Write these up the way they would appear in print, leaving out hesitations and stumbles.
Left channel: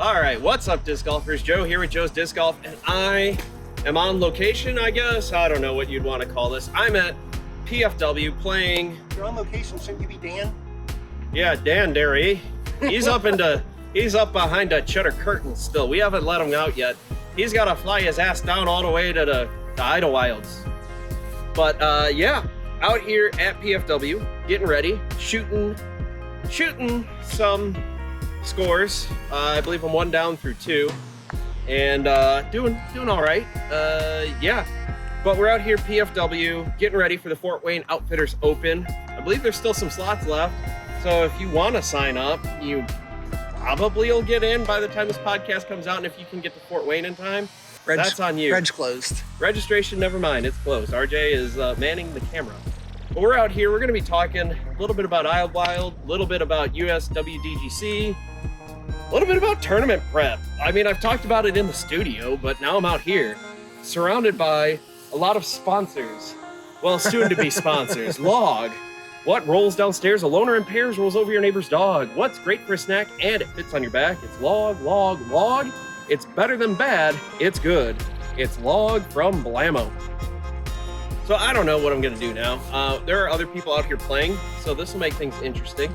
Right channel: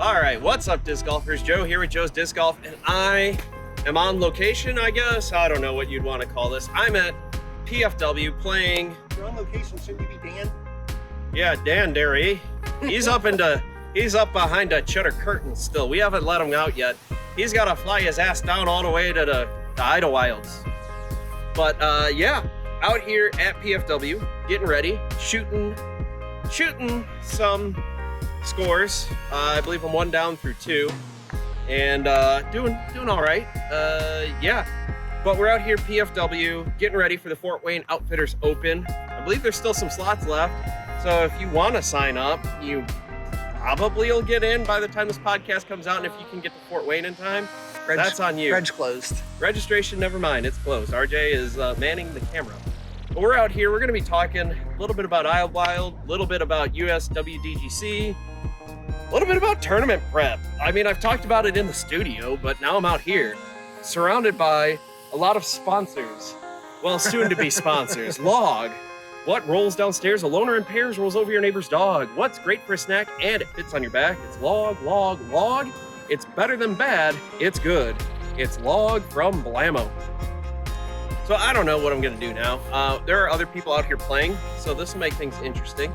All right, what's up, disc golfers? Joe here with Joe's Disc Golf, and I am on location, I guess. I don't know what you'd want to call this. I'm at PFW playing. You're on location, shouldn't you be Dan? Yeah, Dan Derry. He's up behind a shutter curtain still. We haven't let him out yet. He's got to fly his ass down all the way to the Idlewilds. But yeah, out here at PFW, getting ready, shooting some scores. I believe I'm 1 down through 2, and doing all right. Yeah, but we're out here PFW getting ready for the Fort Wayne Outfitters Open. I believe there's still some slots left, so if you want to sign up, you probably will get in by the time this podcast comes out. And if you can get to Fort Wayne in time, that's on you. Reg's closed. Registration, never mind, it's closed. RJ is manning the camera. But we're out here, we're gonna be talking a little bit about Idlewild, a little bit about USWDGC, a little bit about tournament prep. I mean, I've talked about it in the studio, but now I'm out here, surrounded by a lot of sponsors. Well, soon to be sponsors. Log. What rolls downstairs? A loner in pairs rolls over your neighbor's dog. What's great for a snack and it fits on your back? It's Log, Log, Log. It's better than bad. It's good. It's Log from Blammo. So I don't know what I'm gonna do now. There are other people out here playing, so this will make things interesting.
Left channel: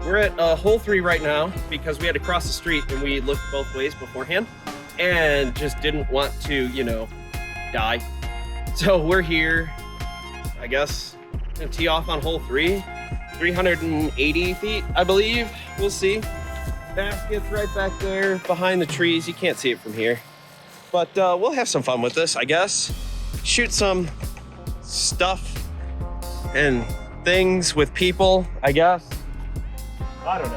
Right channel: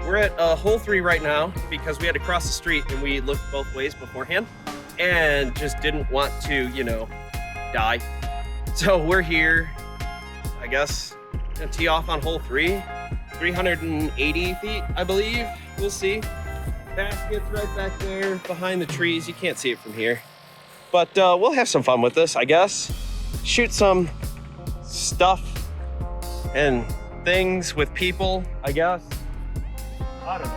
We're at hole 3 right now because we had to cross the street and we looked both ways beforehand and just didn't want to, you know, die. So we're here, I guess, gonna tee off on hole 3, 380 feet, I believe. We'll see. Basket's right back there behind the trees. You can't see it from here, but we'll have some fun with this, I guess. Shoot some stuff and things with people, I guess. I don't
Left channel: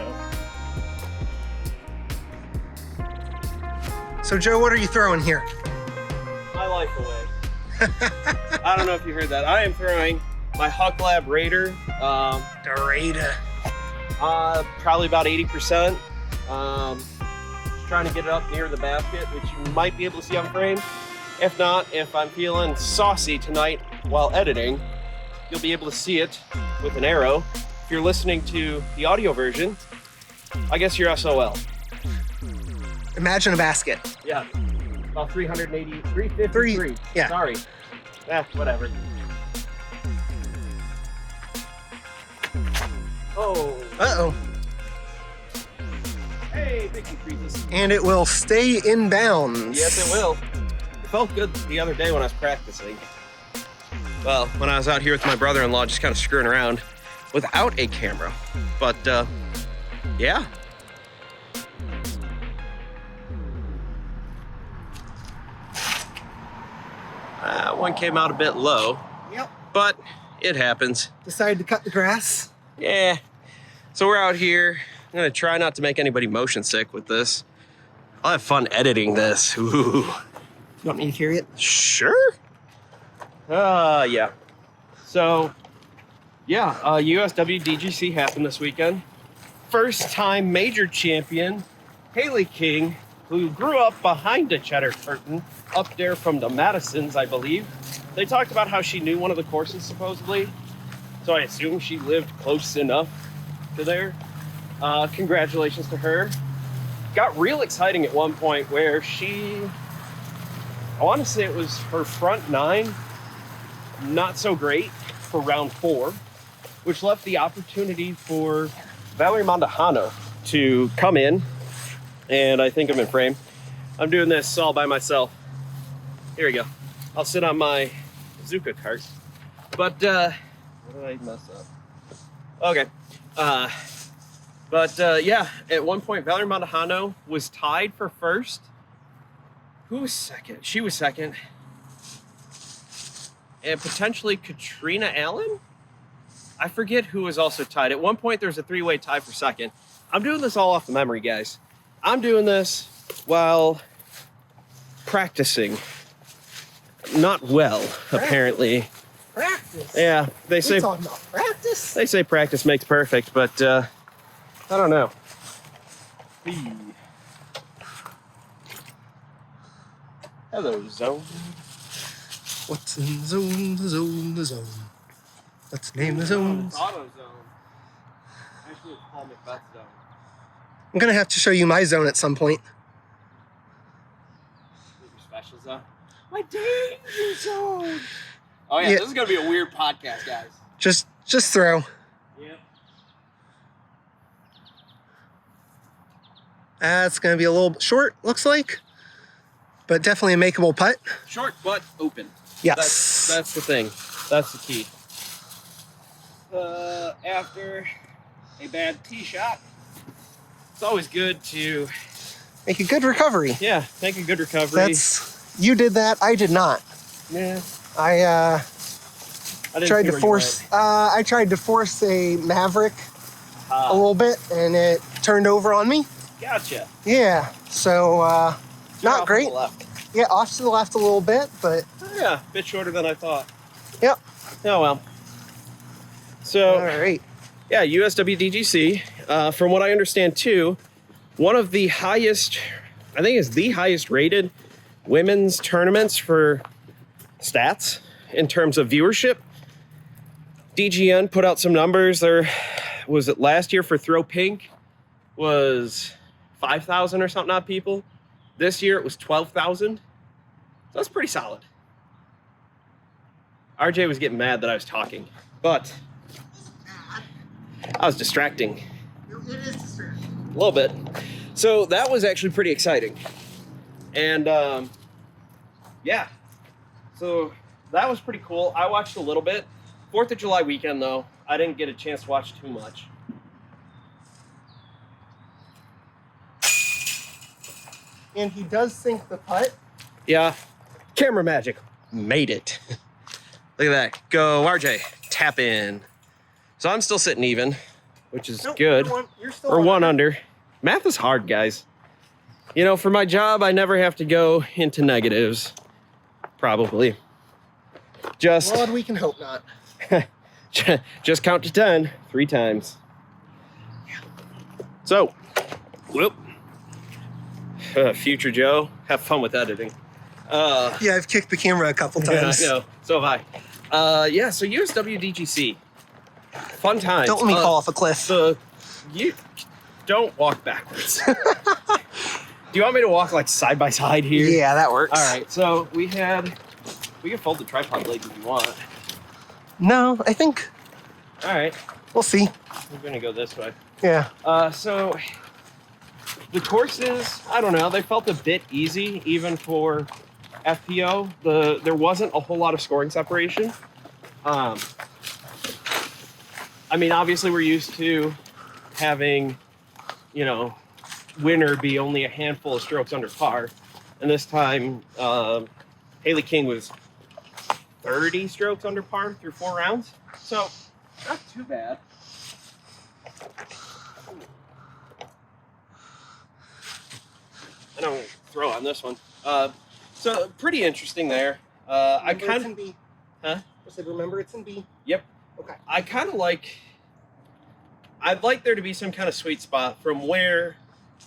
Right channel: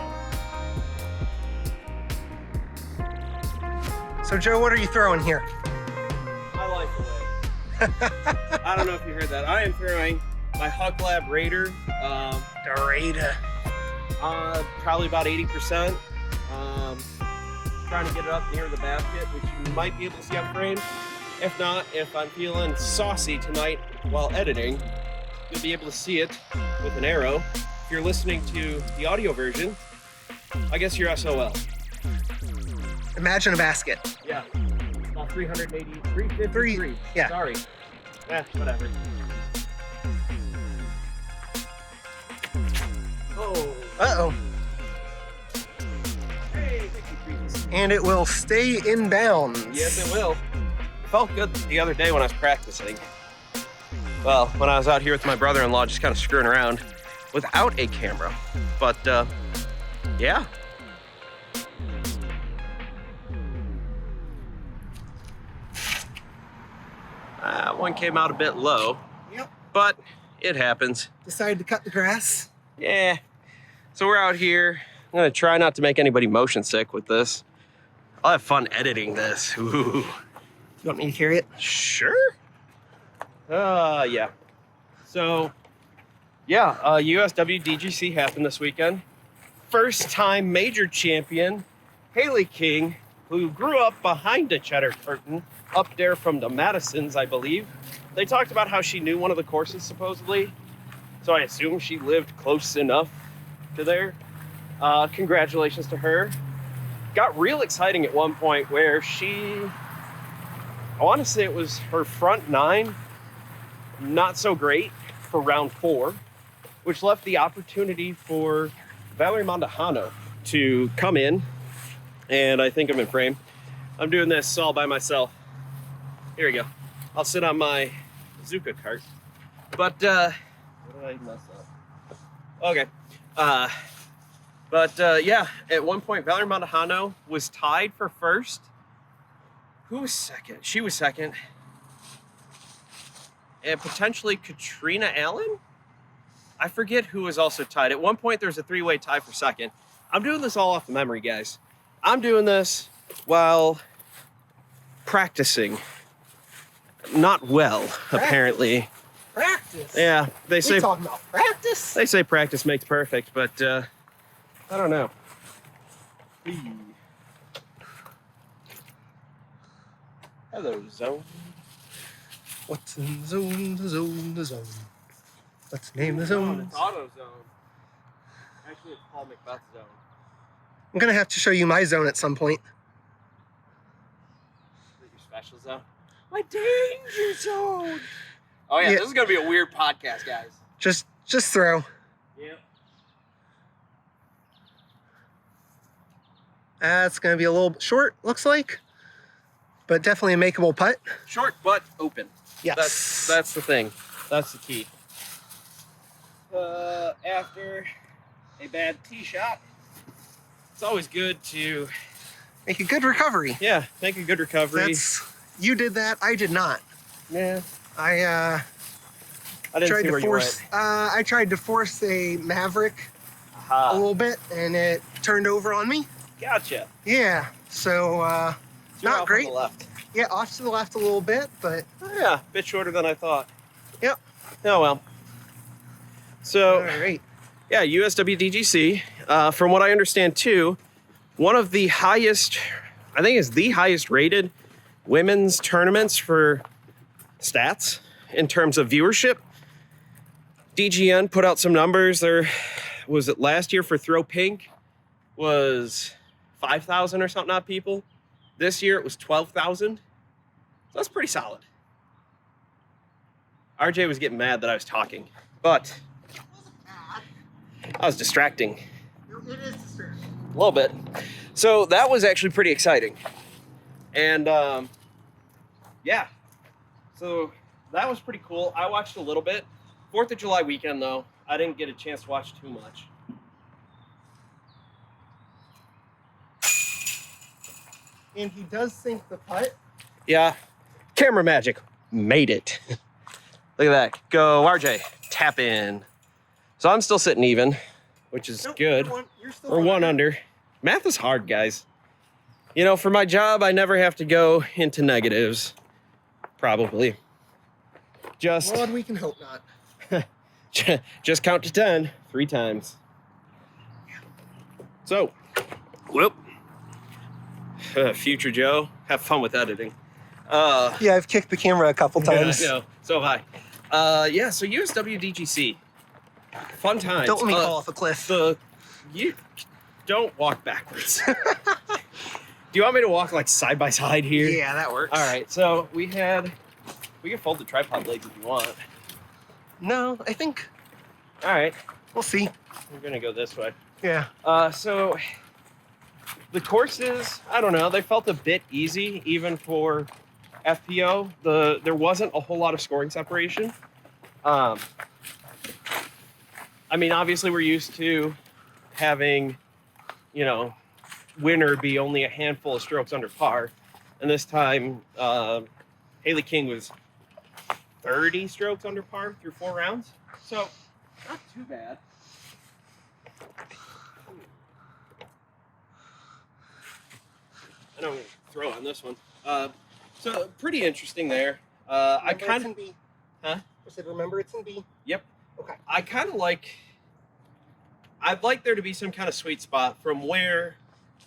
know. So Joe, what are you throwing here? My life away. I don't know if you heard that. I am throwing my Huck Lab Raider. The Raider. Probably about 80%. Trying to get it up near the basket, which you might be able to see on frame. If not, if I'm feeling saucy tonight while editing, you'll be able to see it with an arrow. If you're listening to the audio version, I guess you're SOL. Imagine a basket. Yeah, about 353. Yeah. Sorry. Whatever. Oh. Uh-oh. Hey, thank you, Jesus. And it will stay in bounds. Yes, it will. It felt good the other day when I was practicing. Well, when I was out here with my brother-in-law, just kind of screwing around without a camera. But, yeah. One came out a bit low. Yep. But it happens. Decided to cut the grass. Yeah. So we're out here. I'm gonna try not to make anybody motion sick with this. I'll have fun editing this. Ooh. You want me to hear it? Sure. Yeah. So, yeah, USWDGC happened this weekend. First time major champion, Haley King, who grew up behind a cheddar curtain up there from the Madisons, I believe. They talked about how she knew one of the courses supposedly. So I assume she lived close enough to there. Congratulations to her. Got real exciting at one point where I want to say it was her front 9, not so great for round 4, which left the opportunity for Valerie Mondahano to come in, and I think I'm in frame. I'm doing this all by myself. Here we go. I'll sit on my Zuka cart. But, what did I mess up? Okay. Yeah, at one point, Valerie Mondahano was tied for first. Who was second? She was second. And potentially Katrina Allen? I forget who was also tied. At one point, there was a 3-way tie for second. I'm doing this all off of memory, guys. I'm doing this while practicing. Not well, apparently. Practice? Yeah, they say talking about practice? They say practice makes perfect, but I don't know. Hello, zone. What's in the zone, the zone, the zone? Let's name the zones. Auto zone. Actually, it's Paul McBeth zone. I'm gonna have to show you my zone at some point. Your special zone. My danger zone. Oh yeah, Yeah. this is gonna be a weird podcast, guys. Just throw. Yep. That's gonna be a little short, looks like, but definitely a makeable putt. Short but open. Yes. That's the thing. That's the key. After a bad tee shot, it's always good to Make a good recovery. make a good recovery. You did that. I did not. Yeah. I didn't tried see to where force. I tried to force a Maverick you went. a little bit, and it turned over on me. Gotcha. Yeah. So You're off not on great. the left. Yeah, off to the left a little bit, but Oh, yeah, a bit shorter than I thought. yep. Oh well. So All right. yeah, USWDGC. From what I understand too, one of the highest, I think is the highest rated women's tournaments for stats in terms of viewership. DGN put out some numbers. There was it last year for Throw Pink was 5,000 or something odd people. This year it was 12,000. So that's pretty solid. RJ was getting mad that I was talking, but I was distracting. It is distracting. A little bit. So that was actually pretty exciting. And yeah, so that was pretty cool. I watched a little bit. 4th of July weekend though, I didn't get a chance to watch too much. And he does sink the putt. Yeah, camera magic made it. Look at that. Go, RJ. Tap in. So I'm still sitting even, which is good. You're still Or one under. Math is hard, guys. You know, for my job, I never have to go into negatives. Probably. Just, Lord, we can hope not. just count to 10 3 times. So, whoop. Future Joe, have fun with editing. Yeah, I've kicked the camera a couple times. I know. So have I. Yeah, so USWDGC. Fun time. Don't let me fall off a cliff. You don't walk backwards. Do you want me to walk like side by side here? Yeah, that works. All right, so we can fold the tripod blades if you want. No, I think All right, we'll see. we're gonna go this way. Yeah. So the courses, I don't know, they felt a bit easy even for FPO. There wasn't a whole lot of scoring separation. I mean, obviously we're used to having, you know, winner be only a handful of strokes under par. And this time, Haley King was 30 strokes under par through 4 rounds. So, not too bad. I don't throw on this one. So, pretty interesting there. I kind of... Huh? I said, remember it's in B. Yep. Okay. I kind of like... I'd like there to be some kind of sweet spot from where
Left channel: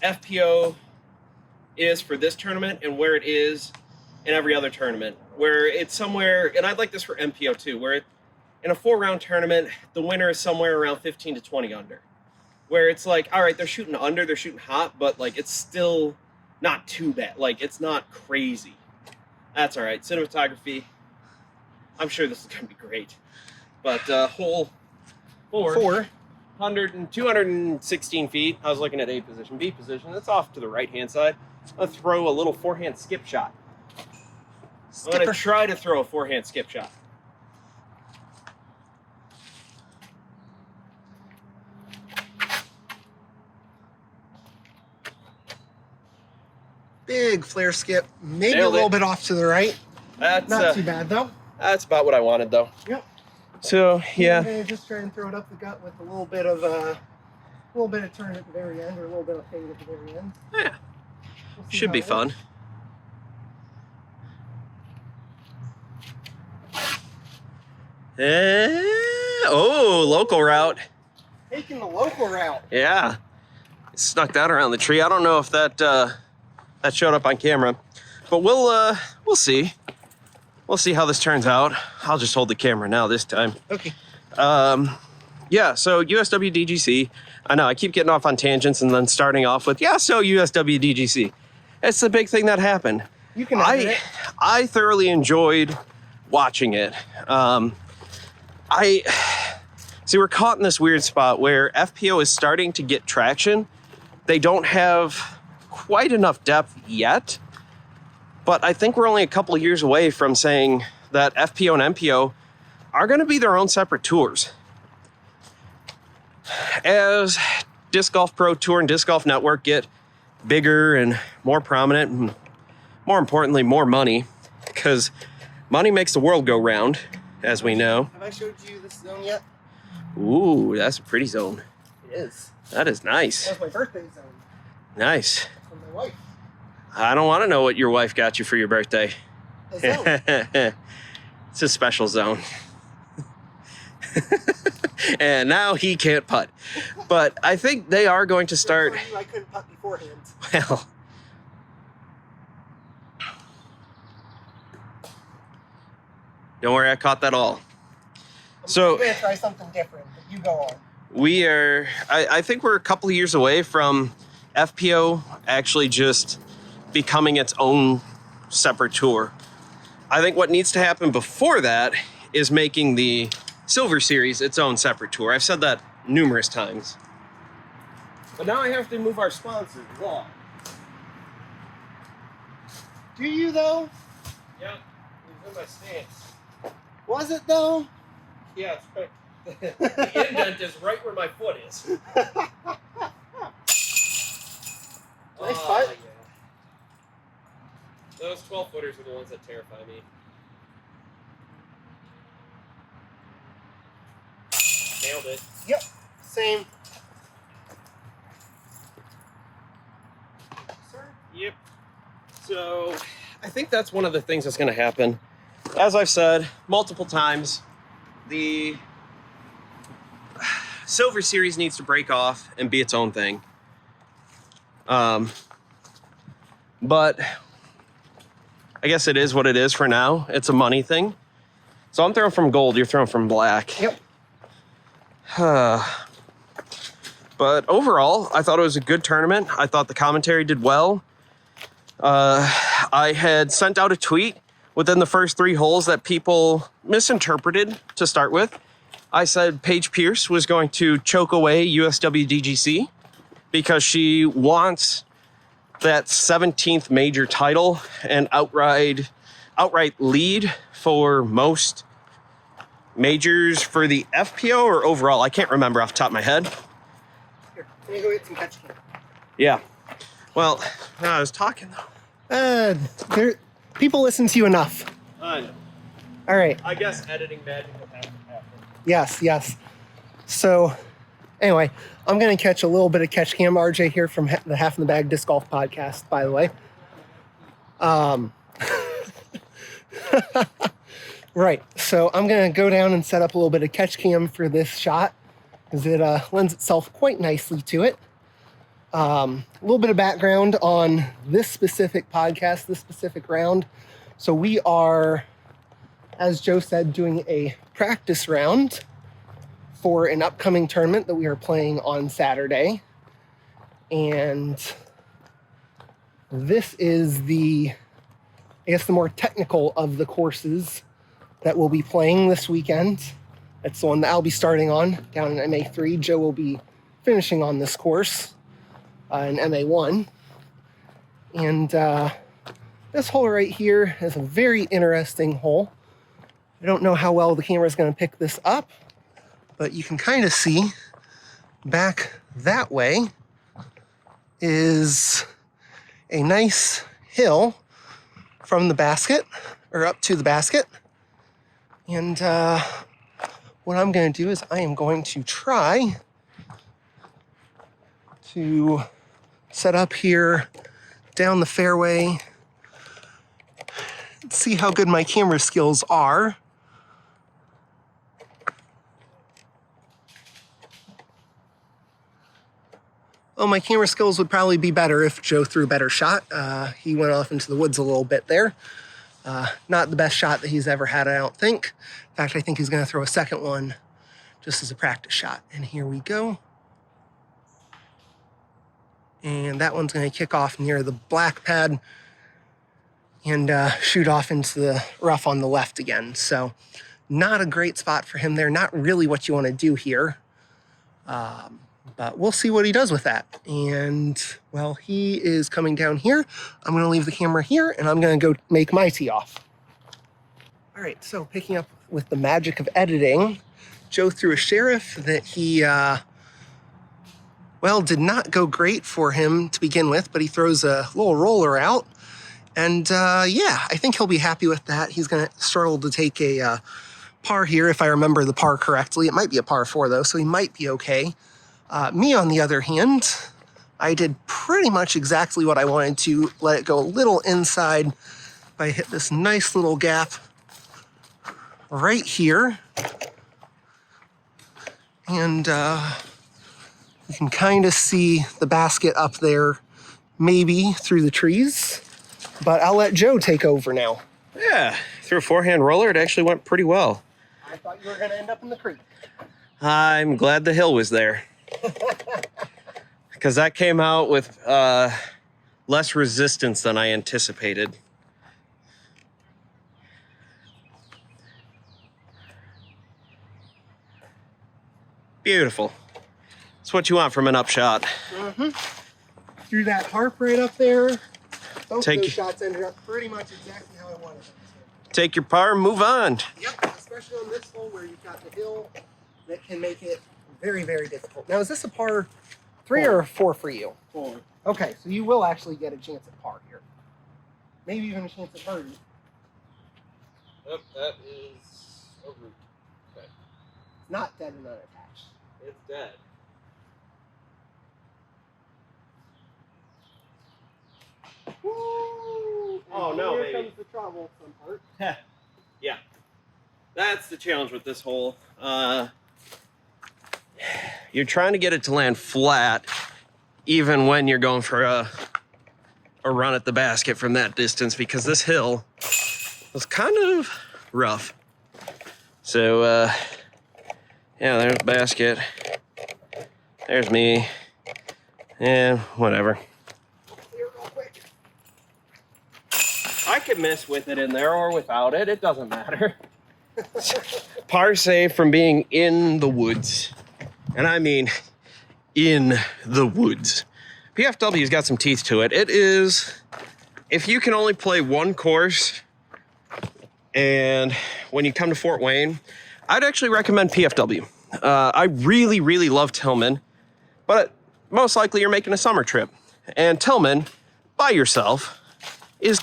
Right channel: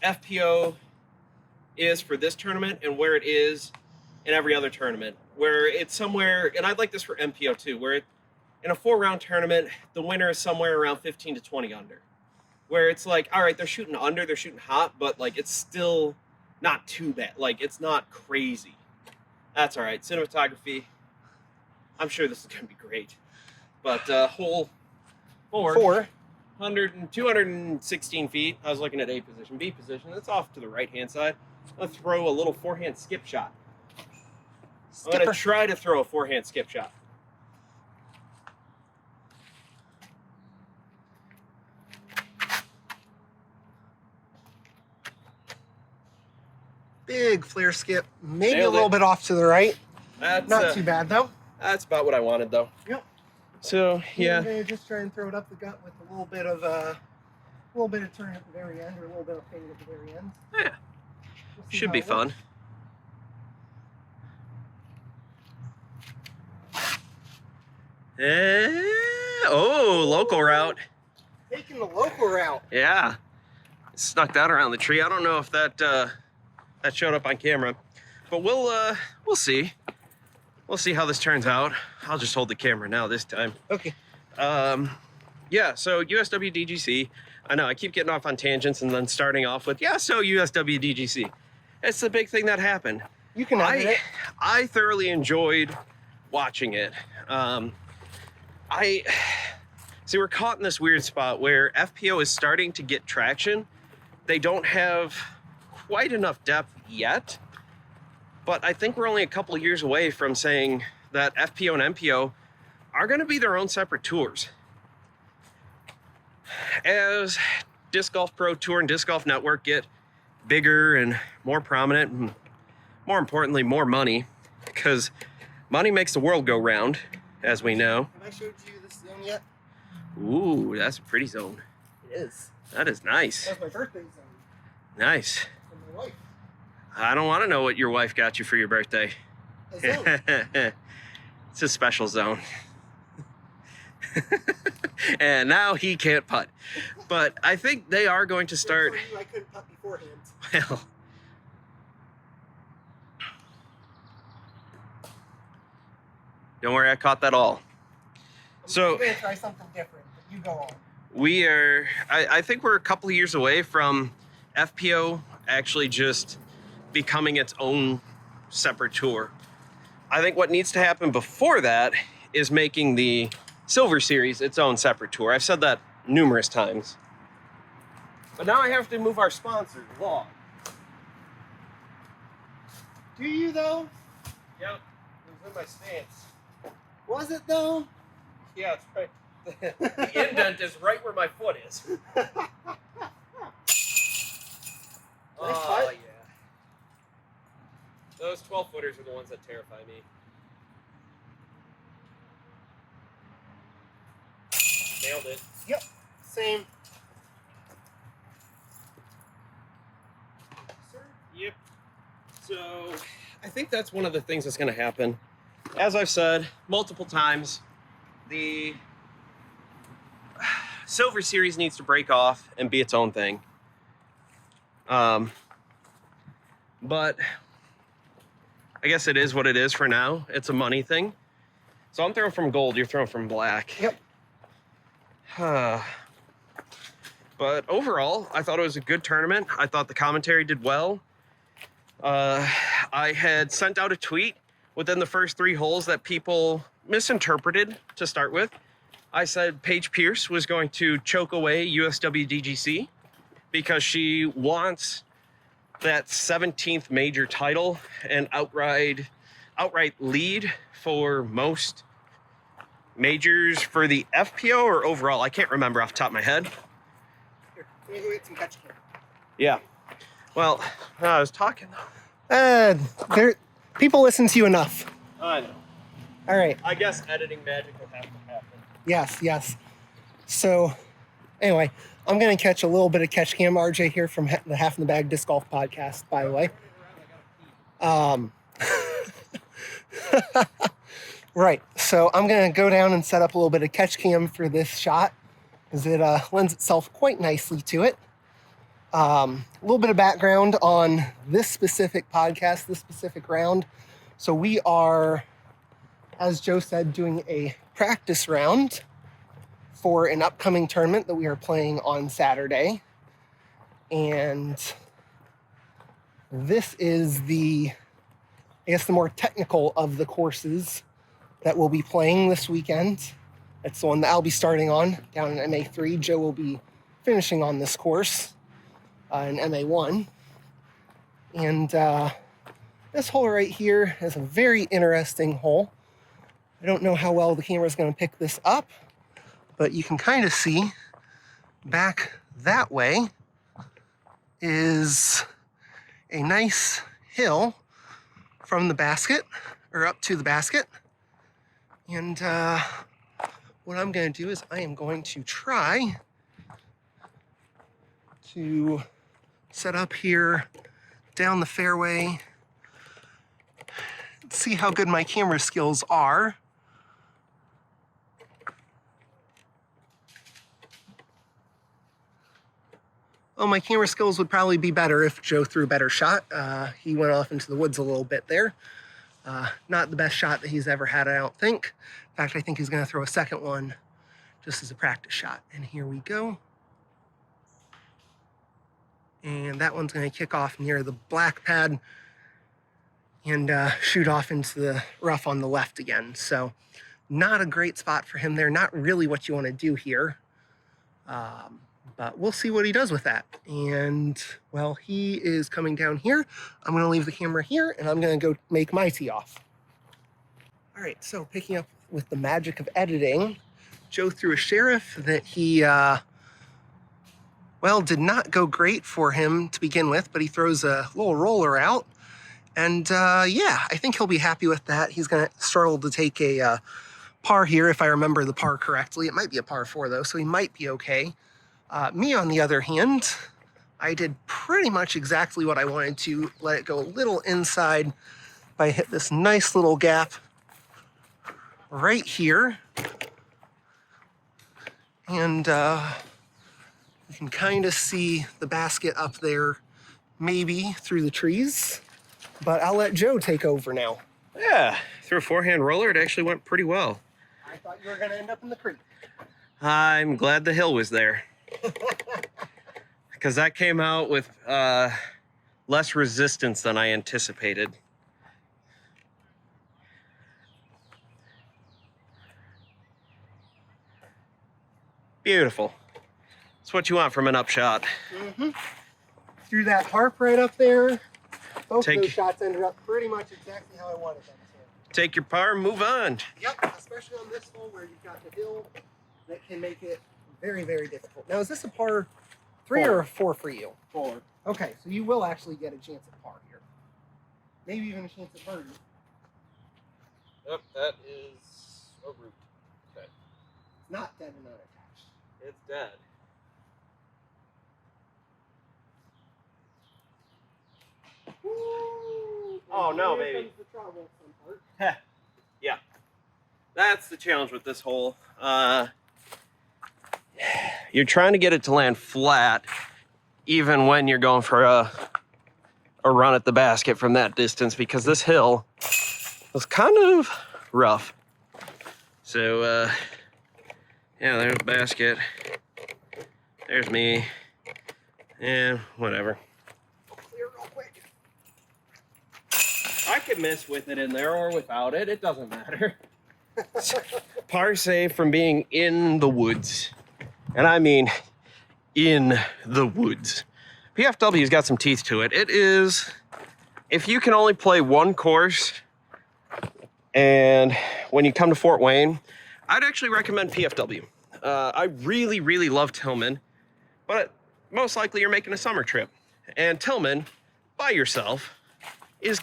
FPO is for this tournament and where it is in every other tournament. Where it's somewhere, and I'd like this for MPO too, where in a 4-round tournament, the winner is somewhere around 15 to 20 under. Where it's like, all right, they're shooting under, they're shooting hot, but like it's still not too bad. Like it's not crazy. That's all right. Cinematography, I'm sure this is going to be great. But hole 4. 216 feet. I was looking at A position, B position. That's off to the right-hand side. I'll throw a little forehand skip shot. I'm going to try to throw a forehand skip shot. Big flare skip. Maybe Nailed a little it. bit off to the right. That's Not too bad, though. That's about what I wanted, though. Yep. So yeah, I'm gonna just try and throw it up the gut with a little bit of turn at the very end, or a little bit of fade at the very end. yeah, We'll see should how be it fun. works. Oh, local route. Taking the local route. Yeah, snuck that around the tree. I don't know if that that showed up on camera, but we'll see. We'll see how this turns out. I'll just hold the camera now this time. Okay. Yeah, so USWDGC. I know I keep getting off on tangents and then starting off with, yeah, so USWDGC. It's the big thing that happened. You can edit it. I thoroughly enjoyed watching it. See, we're caught in this weird spot where FPO is starting to get traction. They don't have quite enough depth yet, but I think we're only a couple of years away from saying that FPO and MPO are going to be their own separate tours. As Disc Golf Pro Tour and Disc Golf Network get bigger and more prominent, and more importantly, more money, because money makes the world go round, as we know. Have I showed you this zone yet? Ooh, that's a pretty zone. It is. That is nice. That's my birthday zone. Nice. From my wife. I don't want to know what your wife got you for your birthday. A zone. It's a special zone. And now he can't putt. But I think they are going to start. For you, I couldn't putt beforehand. Well, don't worry, I caught that all. So I'm gonna try something different. But you go on. we are, I think we're a couple of years away from FPO actually just becoming its own separate tour. I think what needs to happen before that is making the Silver Series its own separate tour. I've said that numerous times. But now I have to move our sponsor, Law. Do you though? Yep, it's in my stance. Was it though? Yeah, it's right. The indent is right where my foot is. Oh, putt. yeah. Those 12-footers are the ones that terrify me. Nailed it. Yep. Same. Sir? Yep. So, I think that's one of the things that's going to happen. As I've said multiple times, the Silver Series needs to break off and be its own thing. But I guess it is what it is for now. It's a money thing. So I'm throwing from gold, you're throwing from black. Yep. But overall, I thought it was a good tournament. I thought the commentary did well. I had sent out a tweet within the first 3 holes that people misinterpreted to start with. I said Paige Pierce was going to choke away USWDGC because she wants that 17th major title and outright lead for most majors for the FPO or overall. I can't remember off the top of my head. Here, can you go get some catch can? Yeah. Well, I was talking though. People listen to you enough. I know. All right. I guess editing magic will have to happen. Yes, yes. So, anyway, I'm going to catch a little bit of catch cam, RJ, here from the Half in the Bag Disc Golf podcast, by the way. Right. So I'm going to go down and set up a little bit of catch cam for this shot because it lends itself quite nicely to it. A little bit of background on this specific podcast, this specific round. So we are, as Joe said, doing a practice round for an upcoming tournament that we are playing on Saturday. And this is the more technical of the courses that we'll be playing this weekend. That's the one that I'll be starting on down in MA3. Joe will be finishing on this course in MA1. And this hole right here is a very interesting hole. I don't know how well the camera is going to pick this up, but you can kind of see back that way is a nice hill from the basket, or up to the basket. And what I'm going to do is I am going to try to set up here down the fairway, see how good my camera skills are. Well, my camera skills would probably be better if Joe threw a better shot. He went off into the woods a little bit there. Not the best shot that he's ever had, I don't think. In fact, I think he's going to throw a second one just as a practice shot. And here we go. And that one's going to kick off near the black pad and shoot off into the rough on the left again. So not a great spot for him there. Not really what you want to do here. But we'll see what he does with that. And, well, he is coming down here. I'm going to leave the camera here, and I'm going to go make my tee off. All right, so picking up with the magic of editing, Joe threw a sheriff that he, well, did not go great for him to begin with, but he throws a little roller out. And, yeah, I think he'll be happy with that. He's going to struggle to take a par here, if I remember the par correctly. It might be a par 4, though, so he might be okay. Me, on the other hand, I did pretty much exactly what I wanted to. Let it go a little inside. I hit this nice little gap right here. And you can kind of see the basket up there, maybe through the trees. But I'll let Joe take over now. Yeah, through a forehand roller, it actually went pretty well. I thought you were going to end up in the creek. I'm glad the hill was there. Because that came out with less resistance than I anticipated. Beautiful. That's what you want from an upshot. Threw that harp right up there. Both Take- those shots ended up pretty much exactly how I wanted them to. Take your par and move on. Yep, especially on this hole where you've got the hill that can make it very, very difficult. Now, is this a par 3 or 4 for you? 4. Okay, so you will actually get a chance at par here. Maybe even a chance at birdie. Yep, that is a root. Okay. It's not dead and unattached. It's dead. Woo! Oh, no, Here baby. comes the troublesome part. Yeah. That's the challenge with this hole. You're trying to get it to land flat, even when you're going for a run at the basket from that distance, because this hill was kind of rough. So, yeah, there's the basket. There's me. Yeah, whatever. Clear real quick. I could miss with it in there or without it. It doesn't matter. Par save from being in the woods. And I mean in the woods. PFW's got some teeth to it. It is, if you can only play one course, and when you come to Fort Wayne, I'd actually recommend PFW. I really, really love Tillman, but most likely you're making a summer trip. And Tillman, by yourself, is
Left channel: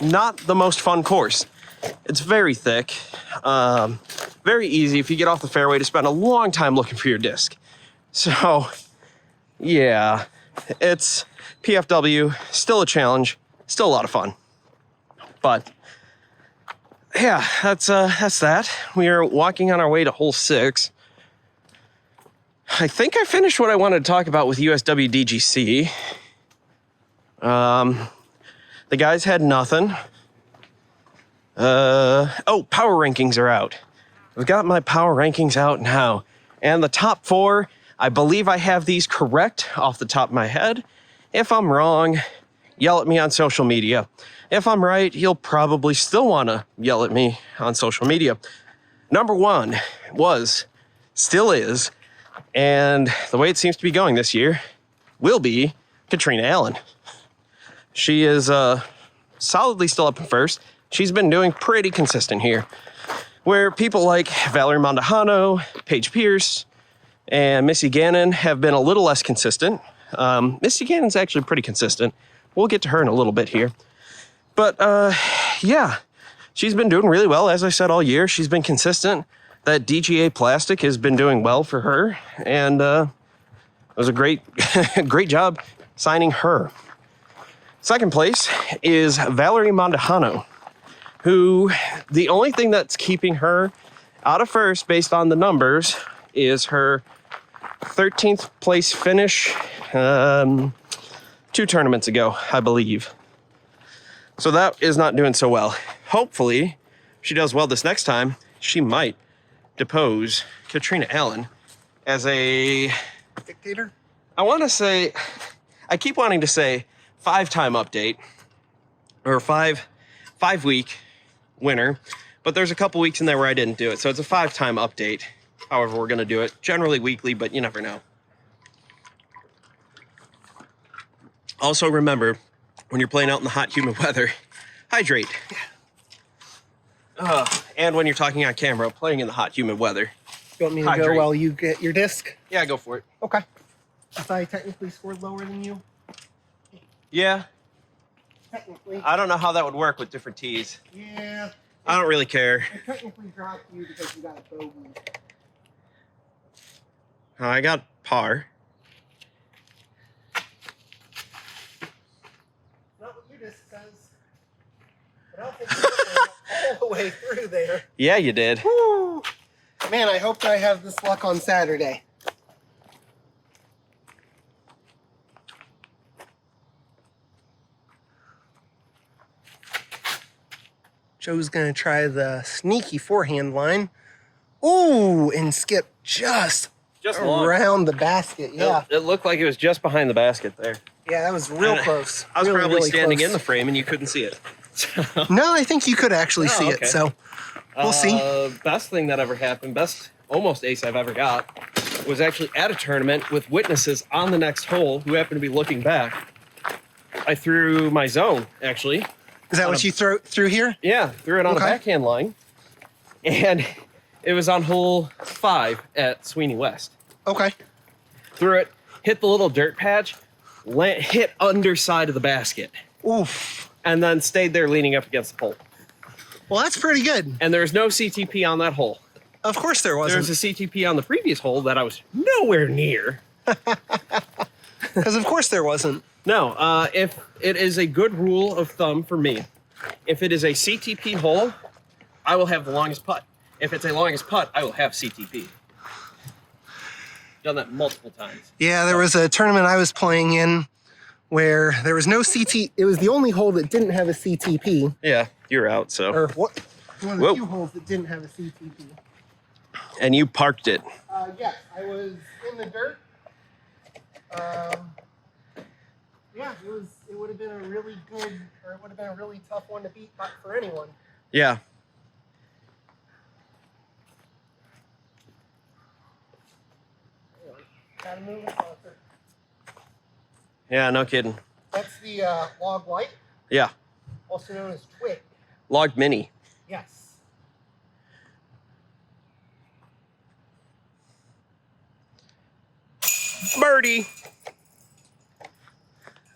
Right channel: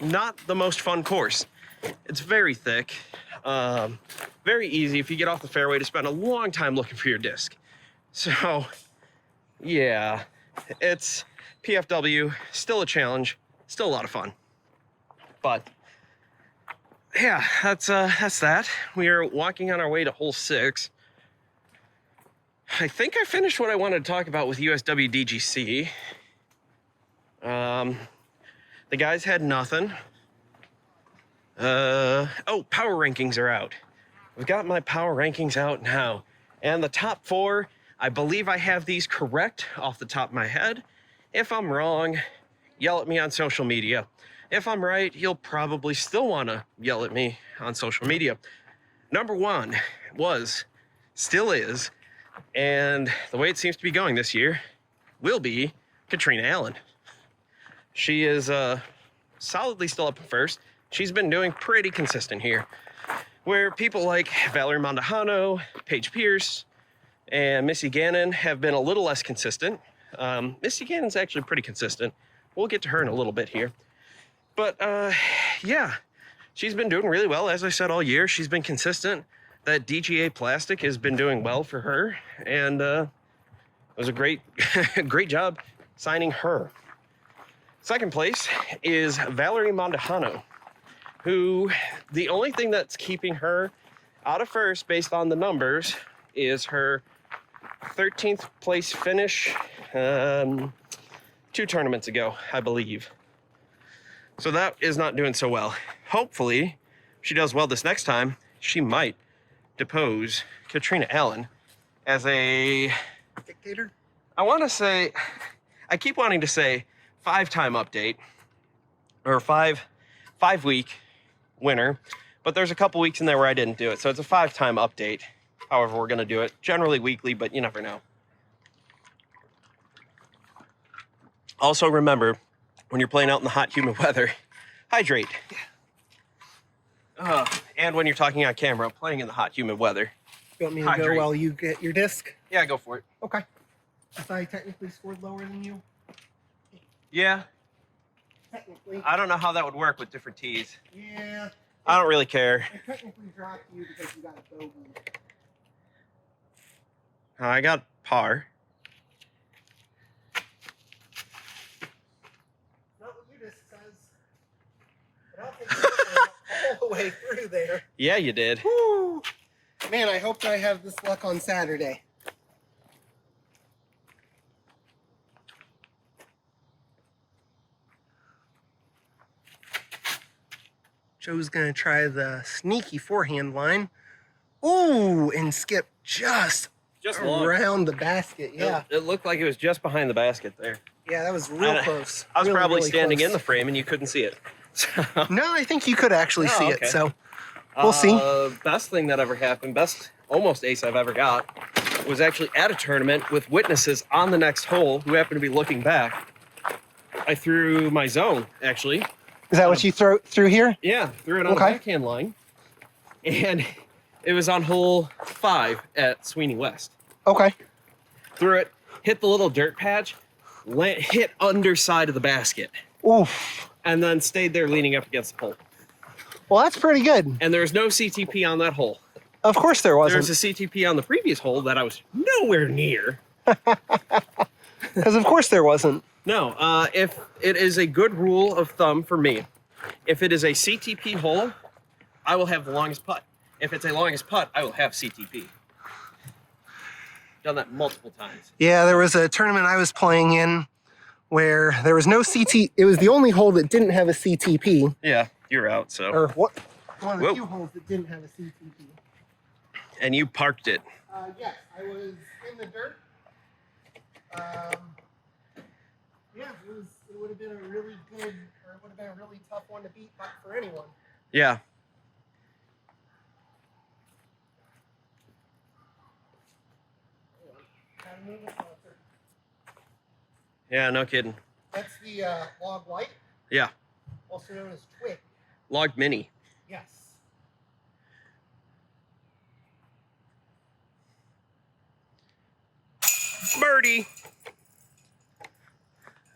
not the most fun course. It's very thick, very easy if you get off the fairway to spend a long time looking for your disc. So, yeah, it's PFW, still a challenge, still a lot of fun. But, yeah, that's that. We are walking on our way to hole 6. I think I finished what I wanted to talk about with USWDGC. The guys had nothing. Oh, power rankings are out. I've got my power rankings out now. And the top 4, I believe I have these correct off the top of my head. If I'm wrong, yell at me on social media. If I'm right, you'll probably still want to yell at me on social media. Number 1 was, still is, and the way it seems to be going this year, will be Katrina Allen. She is solidly still up in first. She's been doing pretty consistent here, where people like Valerie Mondahano, Paige Pierce, and Missy Gannon have been a little less consistent. Missy Gannon's actually pretty consistent. We'll get to her in a little bit here. But, yeah, she's been doing really well. As I said, all year, she's been consistent. That DGA plastic has been doing well for her, and it was a great, great job signing her. Second place is Valerie Mondahano, who the only thing that's keeping her out of first based on the numbers is her 13th place finish 2 tournaments ago, I believe. So that is not doing so well. Hopefully, if she does well this next time, she might depose Katrina Allen as a Dictator? I want to say, I keep wanting to say 5-time update or five week winner, but there's a couple weeks in there where I didn't do it. So it's a 5-time update. However, we're going to do it generally weekly, but you never know. Also remember, when you're playing out in the hot, humid weather, hydrate. And when you're talking on camera, playing in the hot, humid weather. You want me to Hydrate. go while you get your disc? Yeah, go for it. Okay. I thought I technically scored lower than you. Yeah. Technically. I don't know how that would work with different tees. Yeah. I don't really care. I technically dropped you because you got a bogey. I got par. Not what your disc says. But I don't think you went all the way through there. Yeah, you did. Woo! Man, I hope that I have this luck on Saturday. Joe's gonna try the sneaky forehand line. Ooh, and skip just around the basket. Yeah. It looked like it was just behind the basket there. Yeah, that was real close. I was Really, probably really standing close. in the frame and you couldn't see it. No, I think you could actually see okay. it, so we'll see. Best thing that ever happened, best almost ace I've ever got, was actually at a tournament with witnesses on the next hole who happened to be looking back. I threw my zone, actually. Is that what you threw here? Yeah, threw it on the Okay. backhand line. And it was on hole 5 at Sweeney West. Okay. Threw it, hit the little dirt patch, hit underside of the basket, Oof. and then stayed there leaning up against the pole. Well, that's pretty good. And there was no CTP on that hole. Of course there There wasn't. was a CTP on the previous hole that I was nowhere near. Because of course there wasn't. No, if it is a good rule of thumb for me, if it is a CTP hole, I will have the longest putt. If it's a longest putt, I will have CTP. Done that multiple times. Yeah, there was a tournament I was playing in where there was no CT. It was the only hole that didn't have a CTP. Yeah, you're out, so. Or what? One of the few holes that didn't have a CTP. And you parked it. Yes, I was in the dirt. Yeah, it would have been a really good, or it would have been a really tough one to beat for anyone. Yeah. Gotta move it closer. Yeah, no kidding. That's the log light, Yeah. also known as twig. Log mini. Yes. Birdie.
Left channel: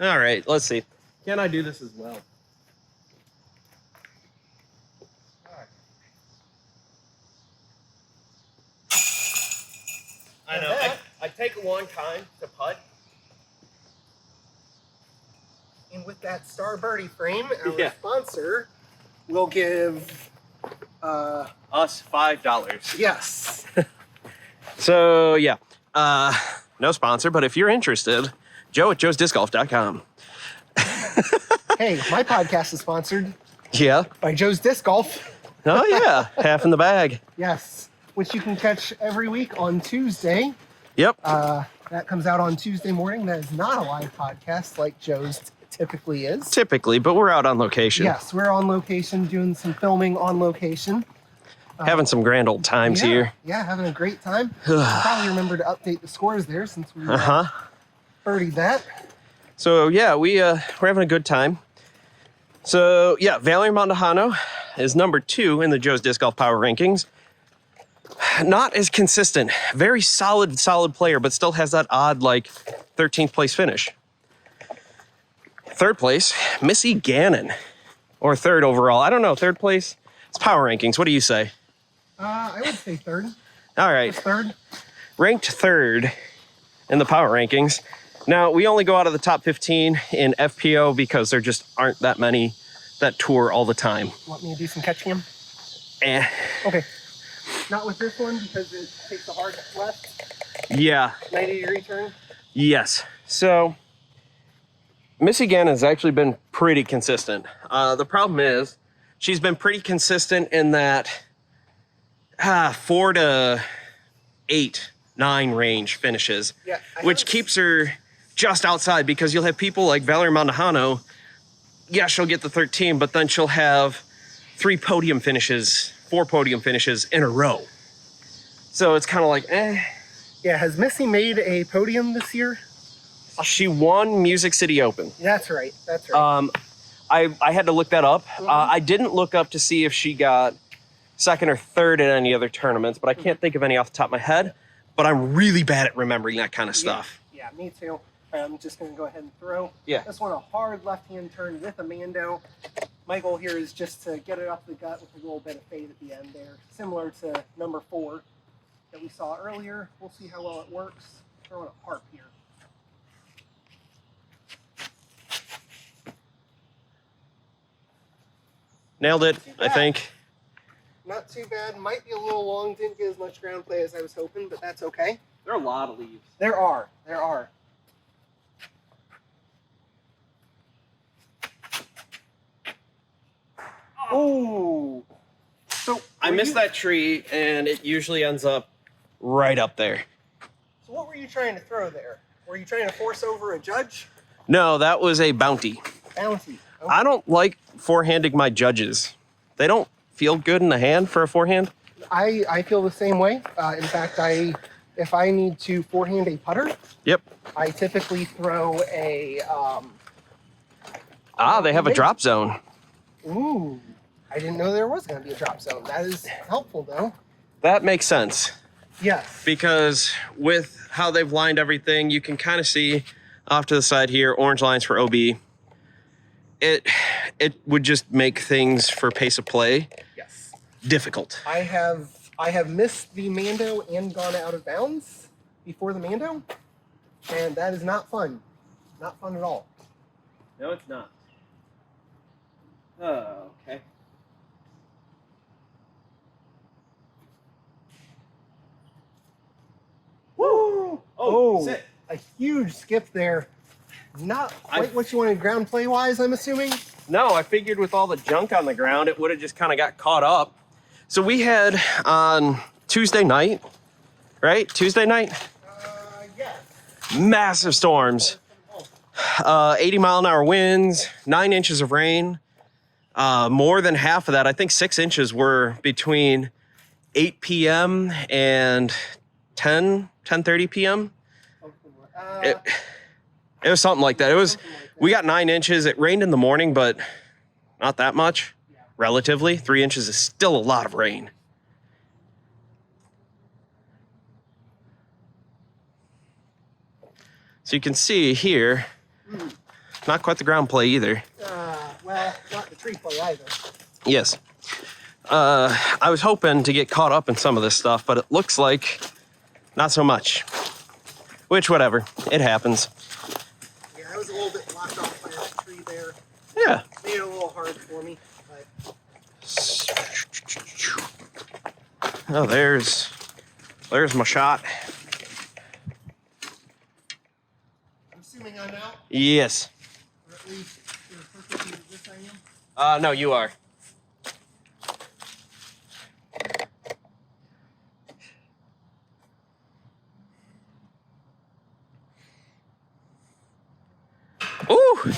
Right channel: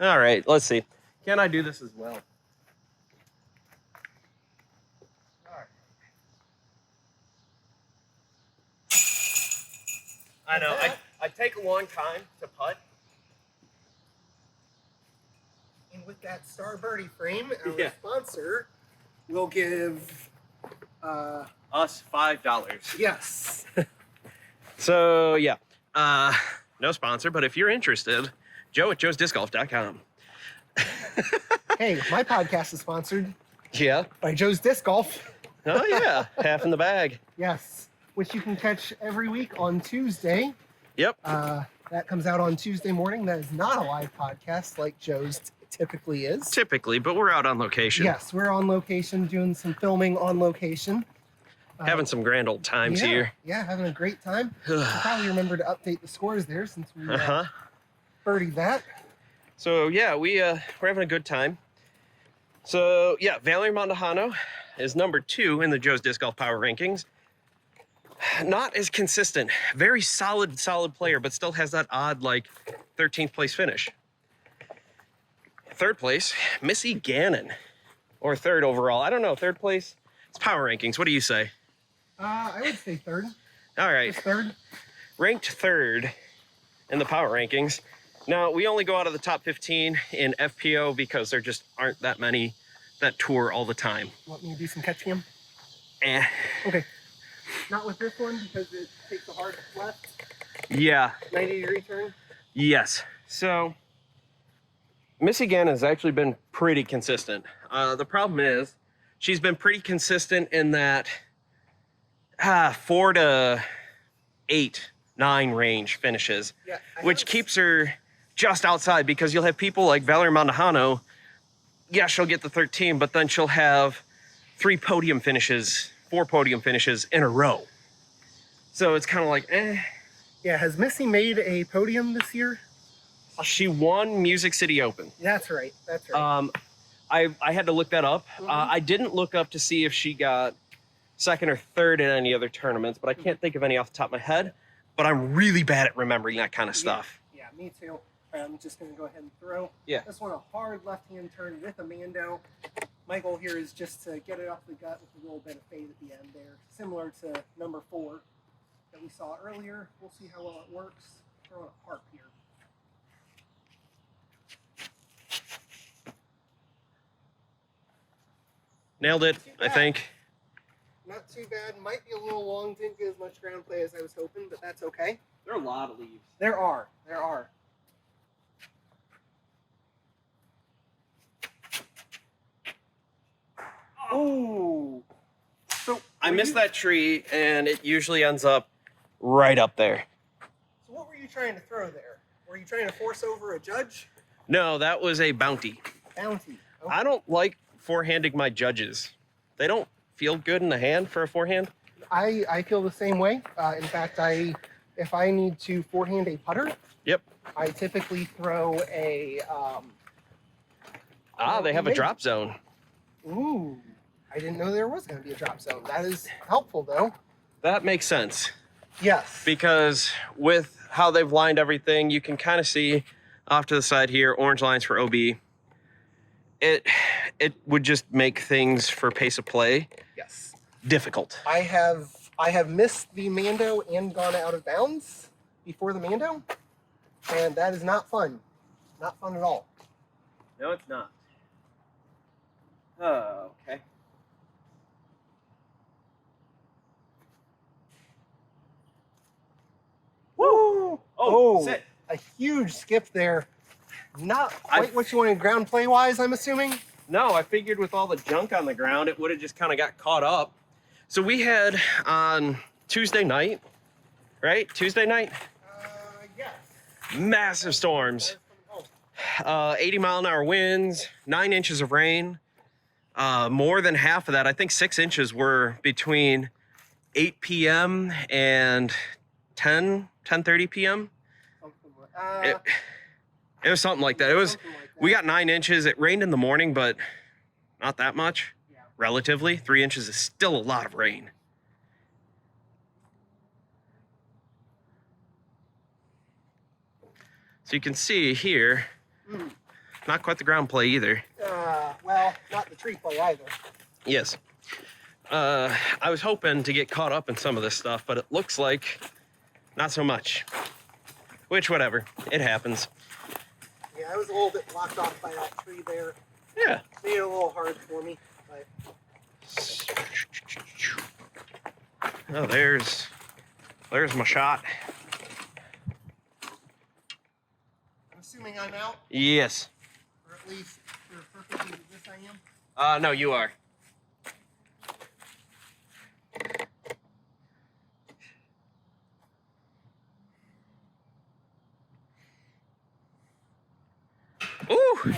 All right, let's see. Can I do this as well? All right. I know. I take a long time to putt. And with that Star Birdie frame, our Yeah. sponsor will give, Us $5. yes. So yeah, no sponsor, but if you're interested, Joe at joesdiscgolf.com. Hey, my podcast is sponsored Yeah. by Joe's Disc Golf. Oh yeah, half in the bag. Yes, which you can catch every week on Tuesday. Yep. That comes out on Tuesday morning. That is not a live podcast like Joe's typically is. Typically, but we're out on location. Yes, we're on location doing some filming on location. Having some grand old times yeah, here. Yeah, having a great time. You probably remember to update the scores there since we birdied that. So yeah, we're having a good time. So yeah, Valerie Mondahano is number 2 in the Joe's Disc Golf Power Rankings. Not as consistent. Very solid player, but still has that odd, like, 13th place finish. 3rd place, Missy Gannon. Or 3rd overall. I don't know. 3rd place. It's Power Rankings. What do you say? I would say 3rd. All right. Just 3rd. Ranked 3rd in the Power Rankings. Now, we only go out of the top 15 in FPO because there just aren't that many that tour all the time. Want me to do some catching him? Eh. Okay. Not with this one because it takes a hard left. Yeah. 90-degree turn. Yes. So, Missy Gannon has actually been pretty consistent. The problem is, she's been pretty consistent in that 4 to 8, 9 range finishes, Yeah, which keeps her just outside, because you'll have people like Valerie Mondahano. Yeah, she'll get the 13, but then she'll have 4 podium finishes in a row. So it's kind of like, eh. Yeah, has Missy made a podium this year? She won Music City Open. That's right. That's right. I had to look that up. I didn't look up to see if she got second or third in any other tournaments, but I can't think of any off the top of my head. But I'm really bad at remembering that kind of stuff. Yeah, me too. I'm just going to go ahead and throw. Yeah. This one, a hard left-hand turn with a Mando. My goal here is just to get it up the gut with a little bit of fade at the end there, similar to number 4 that we saw earlier. We'll see how well it works. Throwing a harp here. Nailed it, I think. Not too bad. Might be a little long. Didn't get as much ground play as I was hoping, but that's okay. There are a lot of leaves. There are. There are. Oh. So I missed that tree, and it usually ends up right up there. So what were you trying to throw there? Were you trying to force over a judge? No, that was a bounty. Bounty. Okay. I don't like forehanding my judges. They don't feel good in the hand for a forehand. I feel the same way. In fact, if I need to forehand a putter, Yep. I typically throw a. They have a drop zone. Ooh, I didn't know there was going to be a drop zone. That is helpful, though. That makes sense. Yes. Because with how they've lined everything, you can kind of see off to the side here, orange lines for OB. It would just make things for pace of play difficult. I have missed the Mando and gone out of bounds before the Mando, and that is not fun. Not fun at all. No, it's not. Oh, okay. Woo! Oh, sit. A huge skip there. Not quite what you wanted ground play wise, I'm assuming. No, I figured with all the junk on the ground, it would have just kind of got caught up. So we had on Tuesday night, right? Tuesday night? Yes. Massive storms. 80-mile-an-hour winds, 9 inches of rain. More than half of that, I think 6 inches, were between 8 p.m. and 10:30 p.m. It was something like that. We got 9 inches. It rained in the morning, but not that much. Relatively, 3 inches is still a lot of rain. So you can see here, not quite the ground play either. Well, not the tree play either. Yes. I was hoping to get caught up in some of this stuff, but it looks like not so much. Which, whatever, it happens. Yeah, I was a little bit blocked off by that tree there. Yeah. Made it a little hard for me. But... Oh, there's my shot. I'm assuming I'm out, Yes. or at least for the purposes of this I am. No, you are. Ooh.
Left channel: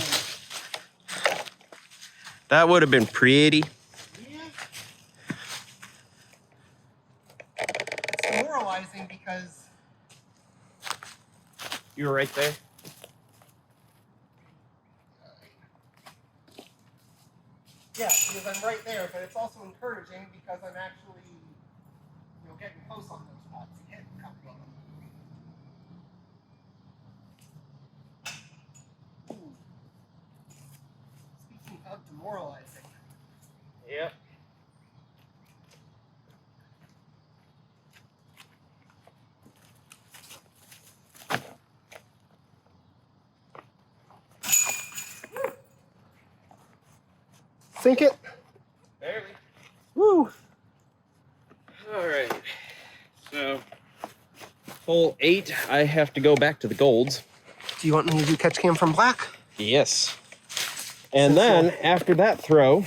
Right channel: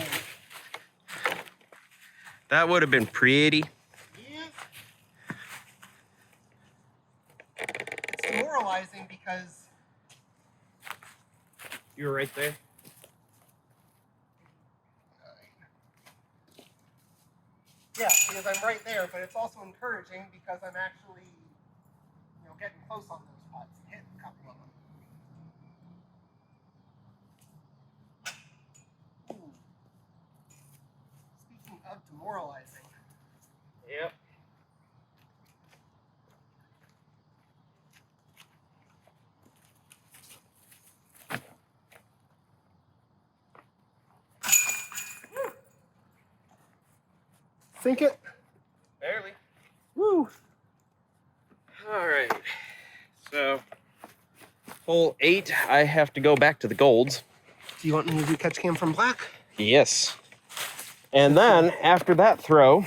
That would have been pretty. Yeah. It's demoralizing because... You were right there? Yeah, because I'm right there, but it's also encouraging because I'm actually, getting close on those spots and hitting a couple of them. Ooh. Speaking of demoralizing. Yep. Sink it. Barely. Woo. All right. So, hole 8, I have to go back to the golds. Do you want me to do catch cam from black? Yes. And then, after that throw,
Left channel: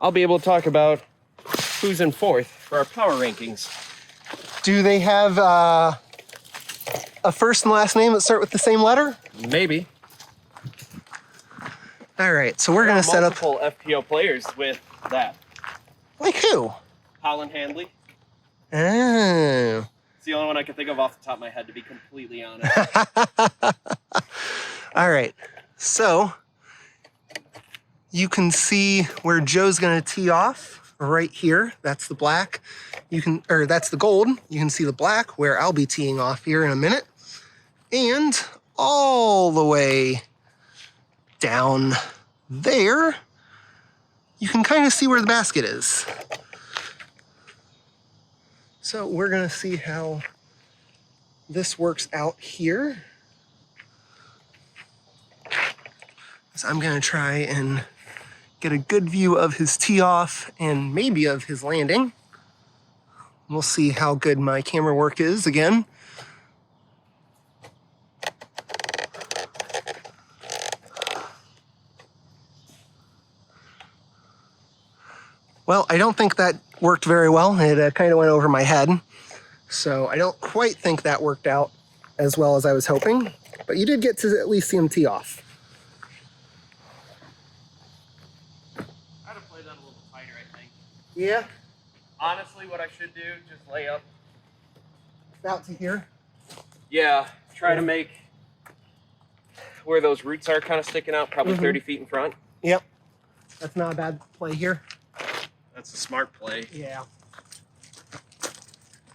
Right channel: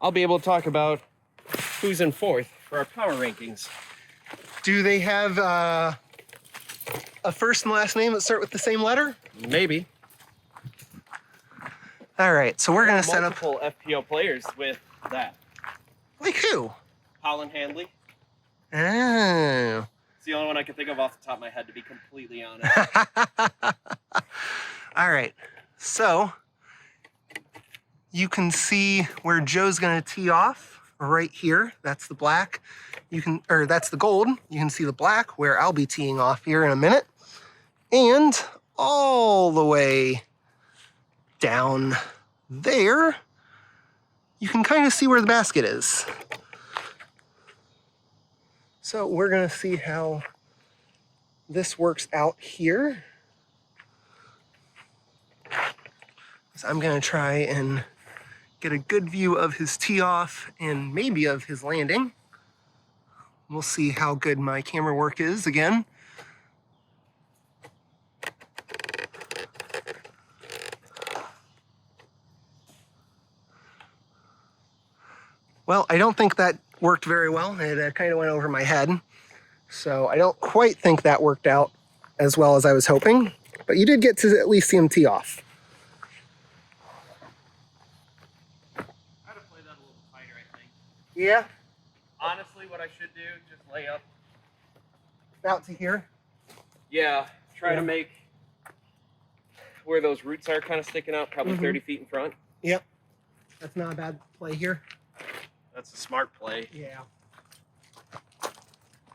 I'll be able to talk about who's in 4th for our power rankings. Do they have a first and last name that start with the same letter? Maybe. All right, so we're gonna set up. Multiple FPO players with that. Like who? Colin Handley. Oh. It's the only one I can think of off the top of my head, to be completely honest. All right, so you can see where Joe's gonna tee off right here. That's the black. That's the gold. You can see the black where I'll be teeing off here in a minute. And all the way down there, you can kind of see where the basket is. So we're gonna see how this works out here. So I'm gonna try and get a good view of his tee off and maybe of his landing. We'll see how good my camera work is again. Well, I don't think that worked very well. It kind of went over my head. So I don't quite think that worked out as well as I was hoping. But you did get to at least see him tee off. I'd have played that a little tighter, I think. Yeah. Honestly, what I should do, just lay up. Out to here. Yeah, try to make where those roots are kind of sticking out, probably 30 feet in front. Yep. That's not a bad play here. That's a smart play. Yeah.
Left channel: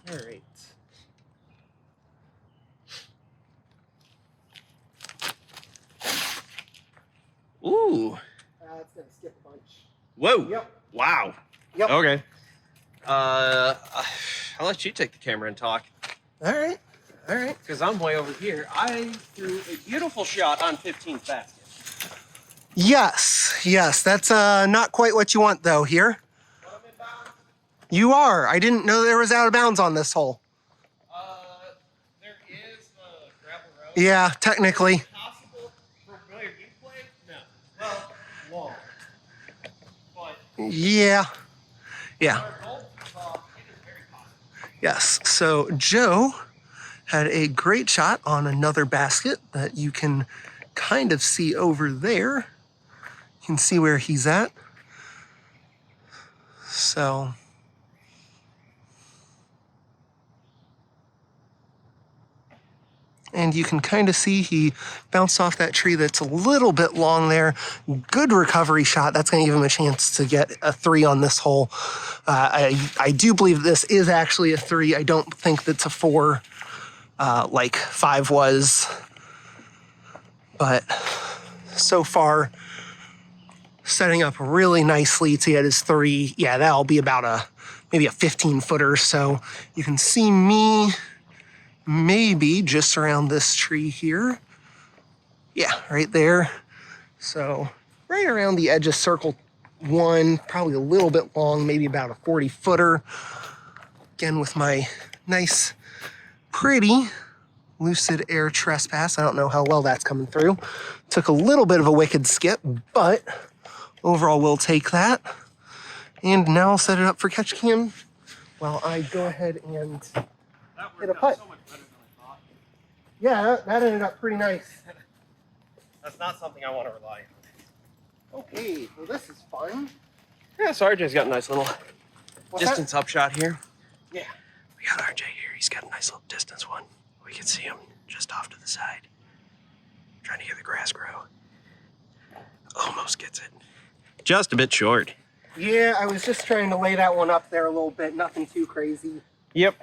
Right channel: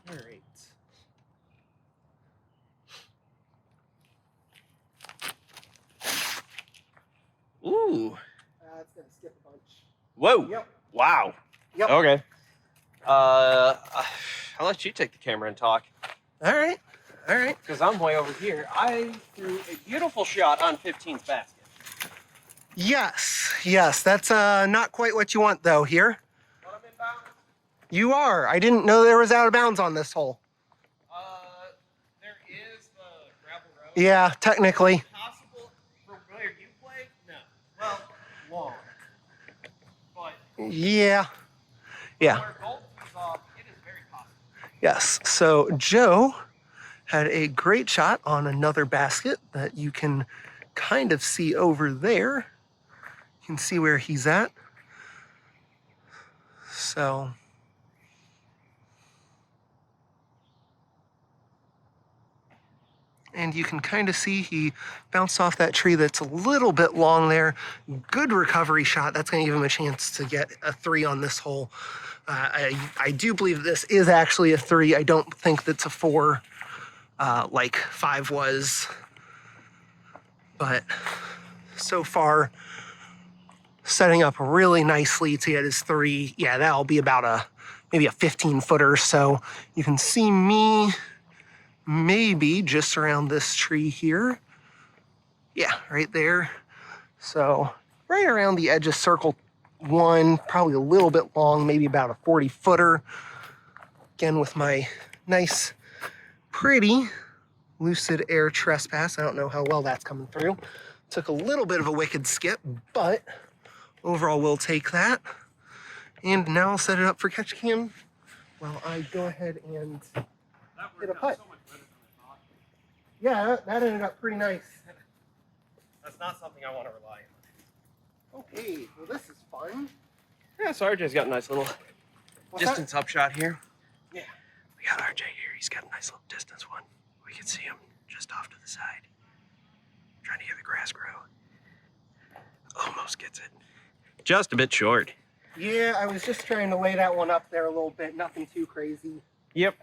All right. Ooh. That's gonna skip a bunch. Whoa. Yep. Wow. Yep. Okay. I'll let you take the camera and talk. All right. All right. Because I'm way over here. I threw a beautiful shot on 15th basket. Yes. Yes. That's not quite what you want though here. But I'm in bounds. You are. I didn't know there was out of bounds on this hole. There is the gravel road. Yeah, technically. Possible for where you play? No. Well, long. But Yeah. Yeah. our goal is off. It is very possible. Yes. So Joe had a great shot on another basket that you can kind of see over there. You can see where he's at. So and you can kind of see he bounced off that tree that's a little bit long there. Good recovery shot. That's going to give him a chance to get a 3 on this hole. I do believe this is actually a 3. I don't think that's a 4 like 5 was. But so far, setting up really nicely to get his 3. Yeah, that'll be about maybe a 15-footer. So you can see me maybe just around this tree here. Yeah, right there. So right around the edge of circle 1, probably a little bit long, maybe about a 40-footer. Again, with my nice, pretty Lucid Air Trespass. I don't know how well that's coming through. Took a little bit of a wicked skip, but overall we'll take that. And now I'll set it up for catch cam while I go ahead and hit a putt. Yeah, that ended up pretty nice. That's not something I want to rely on. Okay, well this is fun. Yeah, so RJ's got a nice little What's distance up shot here. Yeah. We got RJ here. He's got a nice little distance one. We can see him just off to the side. Trying to hear the grass grow. Almost gets it. Just a bit short. Yeah, I was just trying to lay that one up there a little bit. Nothing too crazy. Yep.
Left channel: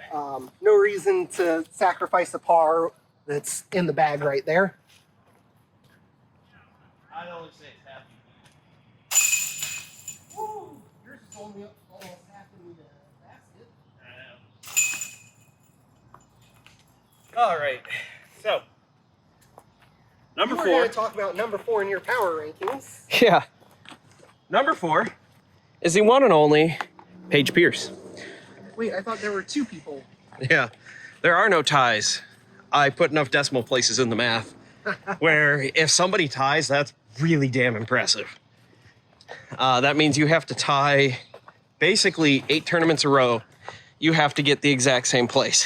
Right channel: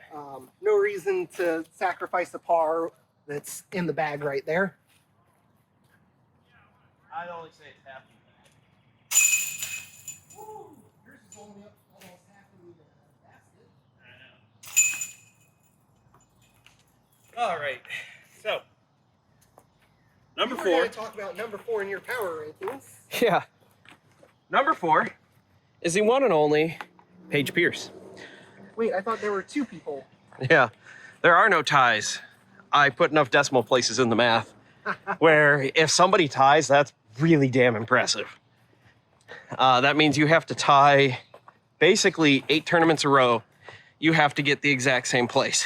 No reason to sacrifice a par that's in the bag right there. I'd only say it's half. Woo! Yours is only almost half in the basket. I know. All right. So, number You were 4. gonna talk about number 4 in your power rankings. Yeah. Number 4 is the one and only Paige Pierce. Wait, I thought there were 2 people. Yeah. There are no ties. I put enough decimal places in the math where if somebody ties, that's really damn impressive. That means you have to tie basically 8 tournaments a row. You have to get the exact same place,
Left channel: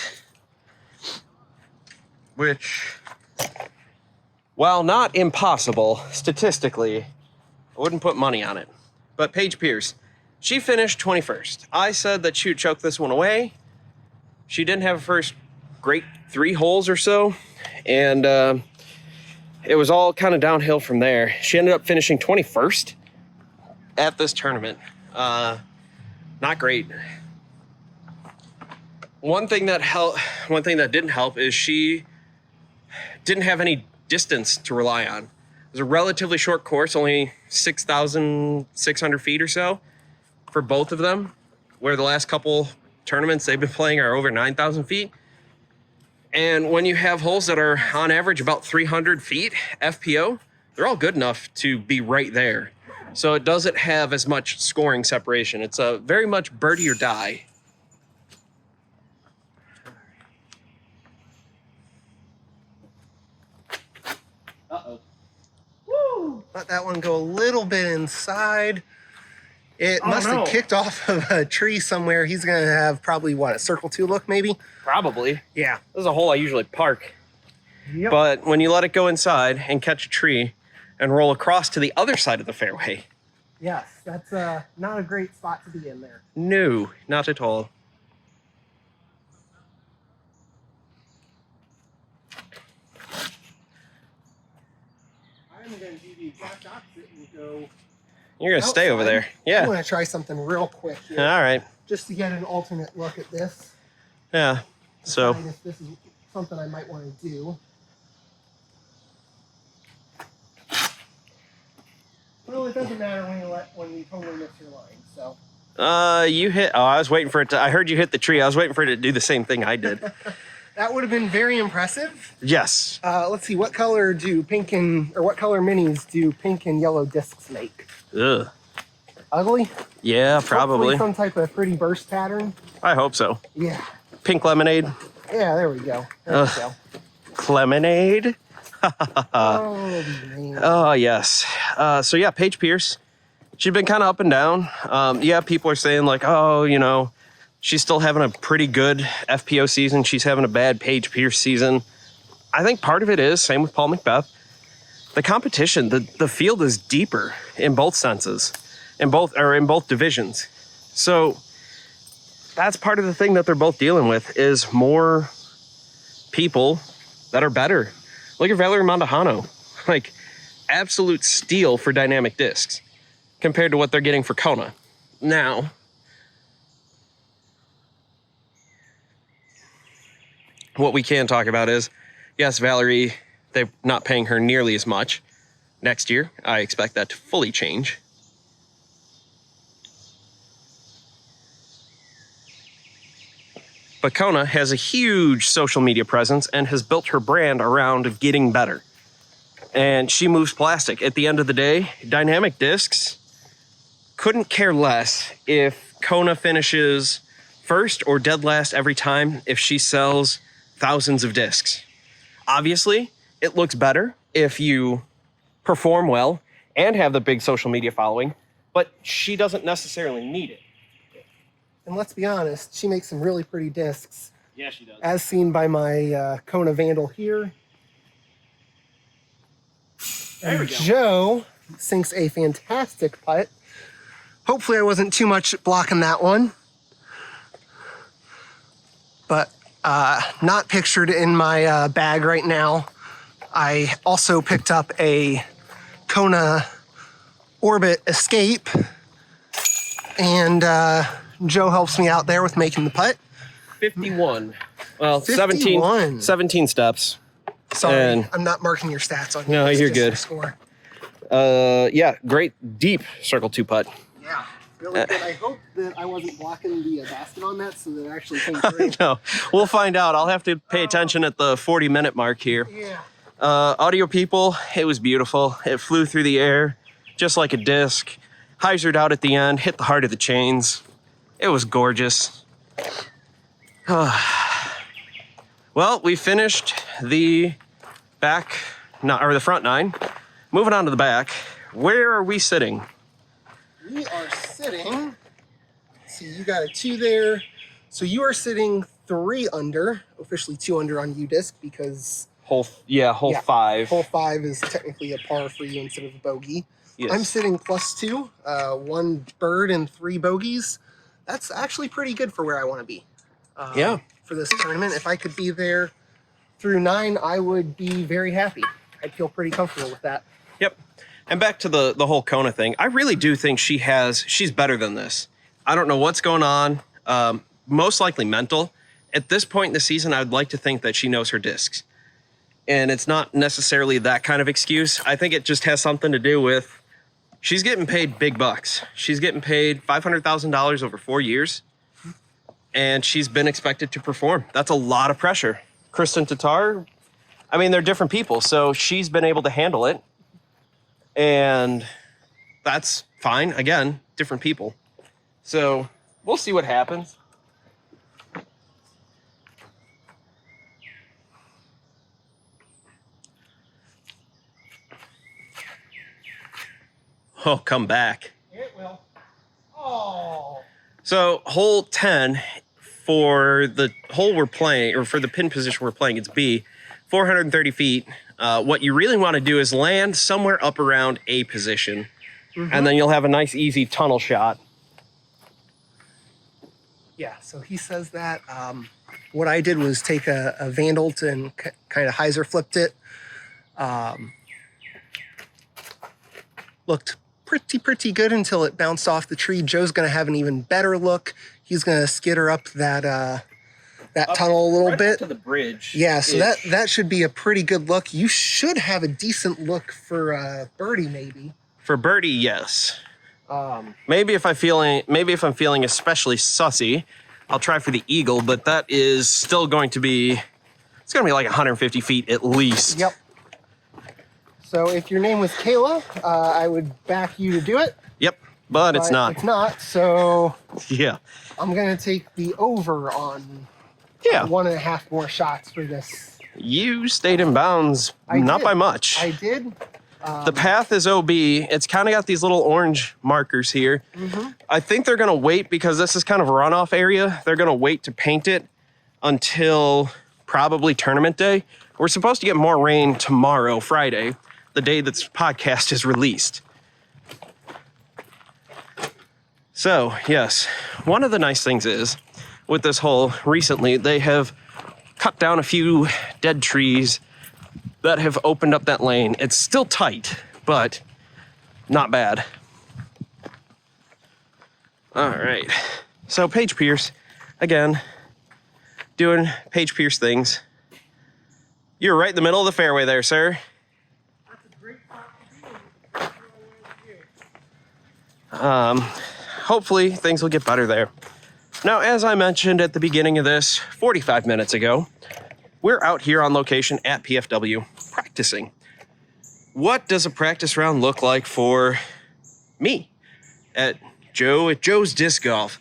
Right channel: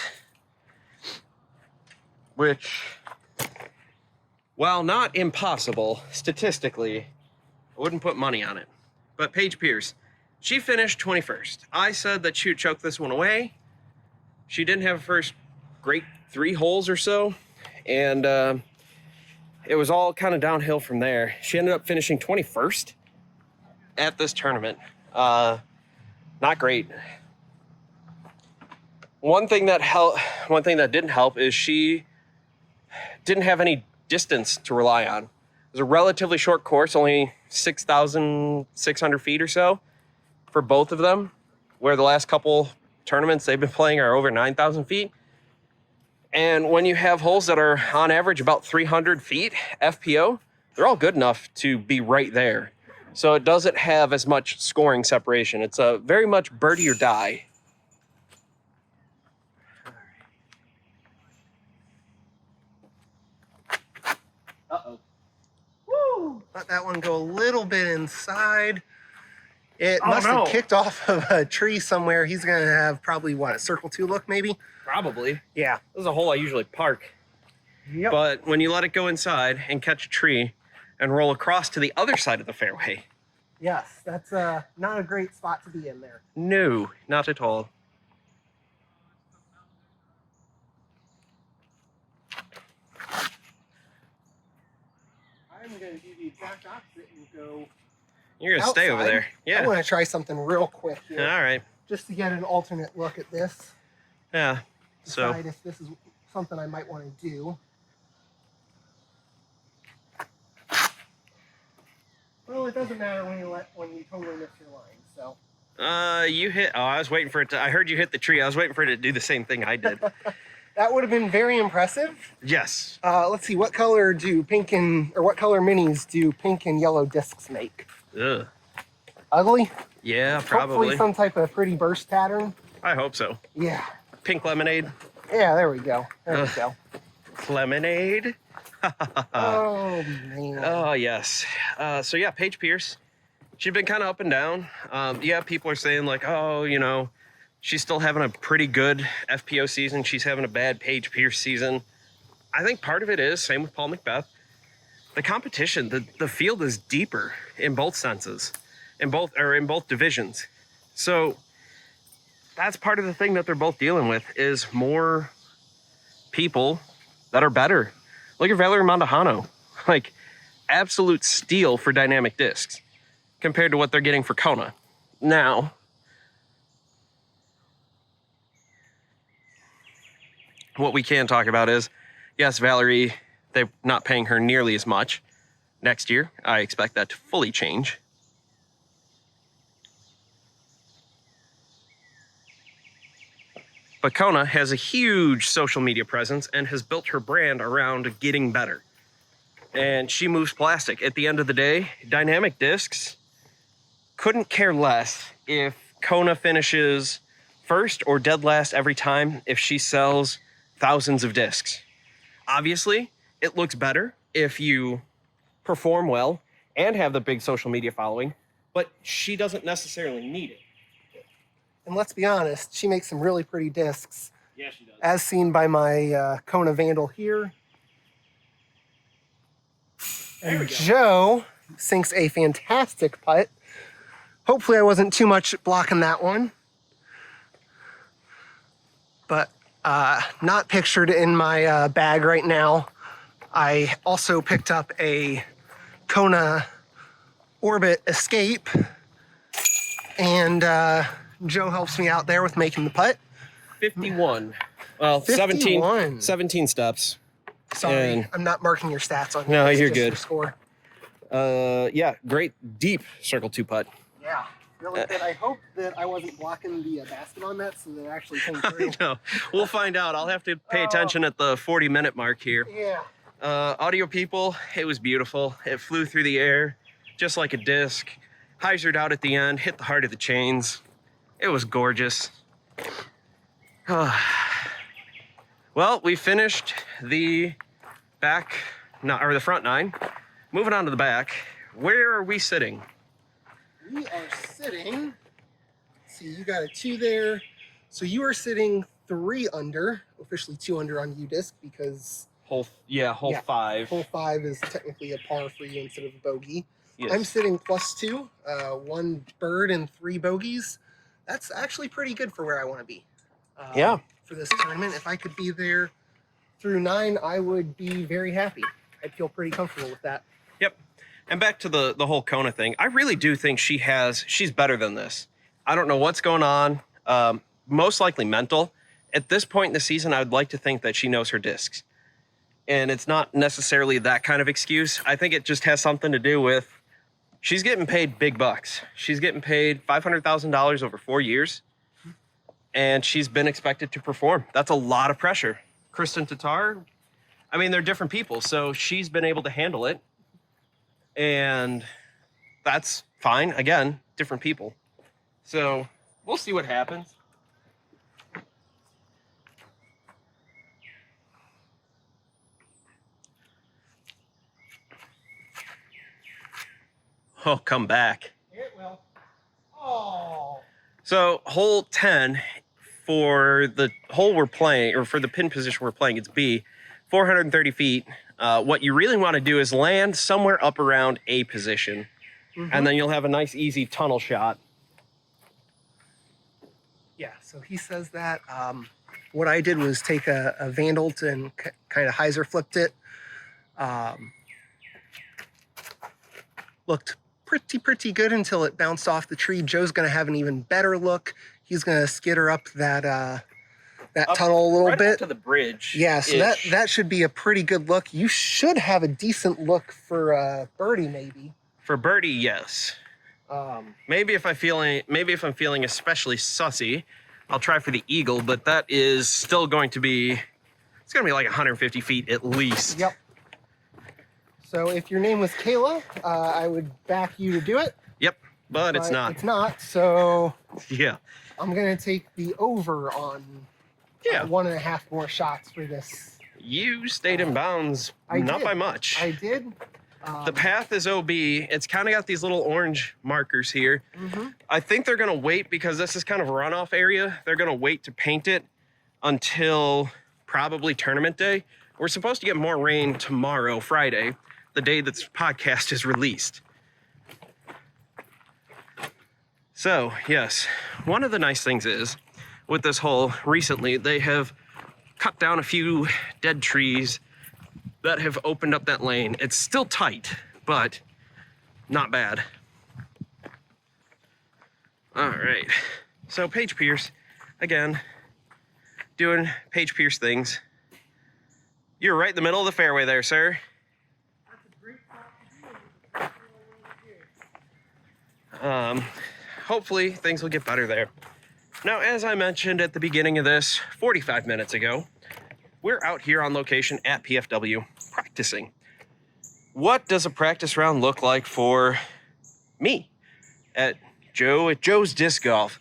which, while not impossible, statistically, I wouldn't put money on it. But Paige Pierce, she finished 21st. I said that she would choke this one away. She didn't have a first great 3 holes or so, and it was all kind of downhill from there. She ended up finishing 21st at this tournament. Not great. One thing that didn't help is she didn't have any distance to rely on. It was a relatively short course, only 6,600 feet or so for both of them, where the last couple tournaments they've been playing are over 9,000 feet. And when you have holes that are on average about 300 feet FPO, they're all good enough to be right there. So it doesn't have as much scoring separation. It's a very much birdie or die. Uh-oh. Woo! Let that one go a little bit inside. It must have kicked off of a tree somewhere. He's going to have probably, what, a circle 2 look maybe? Probably. Yeah. This is a hole I usually park. Yep. But when you let it go inside and catch a tree and roll across to the other side of the fairway. Yes, that's not a great spot to be in there. No, not at all. I'm going to do the exact opposite and go... You're going to stay over there. Yeah. I want to try something real quick here. All right. Just to get an alternate look at this. Yeah. So... Decide if this is something I might want to do. Well, it doesn't matter when you totally miss your line, so... you hit... Oh, I was waiting for it to... I heard you hit the tree. I was waiting for it to do the same thing I did. That would have been very impressive. Yes. Let's see, what color minis do pink and yellow discs make? Ugh. Ugly? Yeah, probably. Hopefully some type of pretty burst pattern. I hope so. Yeah. Pink lemonade. Yeah, there we go. There we go. Lemonade. Oh, man. Oh, yes. So yeah, Paige Pierce, she's been kind of up and down. Yeah, people are saying like, oh, you know, she's still having a pretty good FPO season. She's having a bad Paige Pierce season. I think part of it is, same with Paul Macbeth, the competition, the field is deeper in both senses, in both divisions. So that's part of the thing that they're both dealing with is more people that are better. Look at Valerie Mondahano, like absolute steal for dynamic discs compared to what they're getting for Kona. Now, what we can talk about is, yes, Valerie, they're not paying her nearly as much. Next year, I expect that to fully change. But Kona has a huge social media presence and has built her brand around getting better. And she moves plastic. At the end of the day, dynamic discs couldn't care less if Kona finishes first or dead last every time if she sells thousands of discs. Obviously, it looks better if you perform well and have the big social media following, but she doesn't necessarily need it. And let's be honest, she makes some really pretty discs. Yeah, she does. As seen by my Kona Vandal here. And Joe sinks a fantastic putt. Hopefully I wasn't too much blocking that one. But not pictured in my bag right now. I also picked up a Kona Orbit Escape. And Joe helps me out there with making the putt. 51. Well, 51. 17 steps. Sorry, And- I'm not marking your stats on No, here. It's you're just good. the Score. Yeah, great deep circle 2 putt. Yeah, really good. I hope that I wasn't blocking the basket on that so that it actually came through. No, we'll find out. I'll have to pay attention at the 40-minute mark here. Yeah. Audio people, it was beautiful. It flew through the air just like a disc. Hyzered out at the end, hit the heart of the chains. It was gorgeous. Well, we finished the the front 9. Moving on to the back. Where are we sitting? We are sitting, see, you got a 2 there. So you are sitting 3 under, officially 2 under on UDisc because Hole 5. hole 5 is technically a par for you instead of a bogey. Yes. I'm sitting +2, 1 bird and 3 bogeys. That's actually pretty good for where I want to be. Yeah. For this tournament, if I could be there through 9, I would be very happy. I'd feel pretty comfortable with that. Yep. And back to the whole Kona thing. I really do think she's better than this. I don't know what's going on. Most likely mental. At this point in the season, I would like to think that she knows her discs. And it's not necessarily that kind of excuse. I think it just has something to do with she's getting paid big bucks. She's getting paid $500,000 over 4 years. And she's been expected to perform. That's a lot of pressure. Kristen Tatar, I mean, they're different people. So she's been able to handle it. And that's fine. Again, different people. So we'll see what happens. Oh, come back. It will. Oh. So hole 10 for the hole we're playing, or for the pin position we're playing, it's B, 430 feet. What you really want to do is land somewhere up around A position, and then you'll have a nice, easy tunnel shot. Yeah, so he says that. What I did was take a Vandalt and kind of hyzer flipped it. Looked pretty good until it bounced off the tree. Joe's going to have an even better look. He's going to skitter up that tunnel a little right bit up to the bridge. Yeah, so that should be a pretty good look. You should have a decent look for birdie, maybe. For birdie, yes. Maybe if I'm feeling especially sussy, I'll try for the eagle. But that is still going to be like 150 feet at least. Yep. So if your name was Kayla, I would back you to do it. Yep, but it's not. It's not. So yeah, I'm gonna take the over on 1.5 more shots for this. You stayed in bounds, not by much. I did. The path is OB. It's kind of got these little orange markers here. I think they're gonna wait because this is kind of a runoff area. They're gonna wait to paint it until probably tournament day. We're supposed to get more rain tomorrow, Friday, the day this podcast is released. So, yes, one of the nice things is, with this hole recently, they have cut down a few dead trees that have opened up that lane. It's still tight, but not bad. All right, so Paige Pierce, again, doing Paige Pierce things. You're right in the middle of the fairway there, sir. Hopefully things will get better there. Now, as I mentioned at the beginning of this, 45 minutes ago, we're out here on location at PFW practicing. What does a practice round look like for me at Joe's Disc Golf?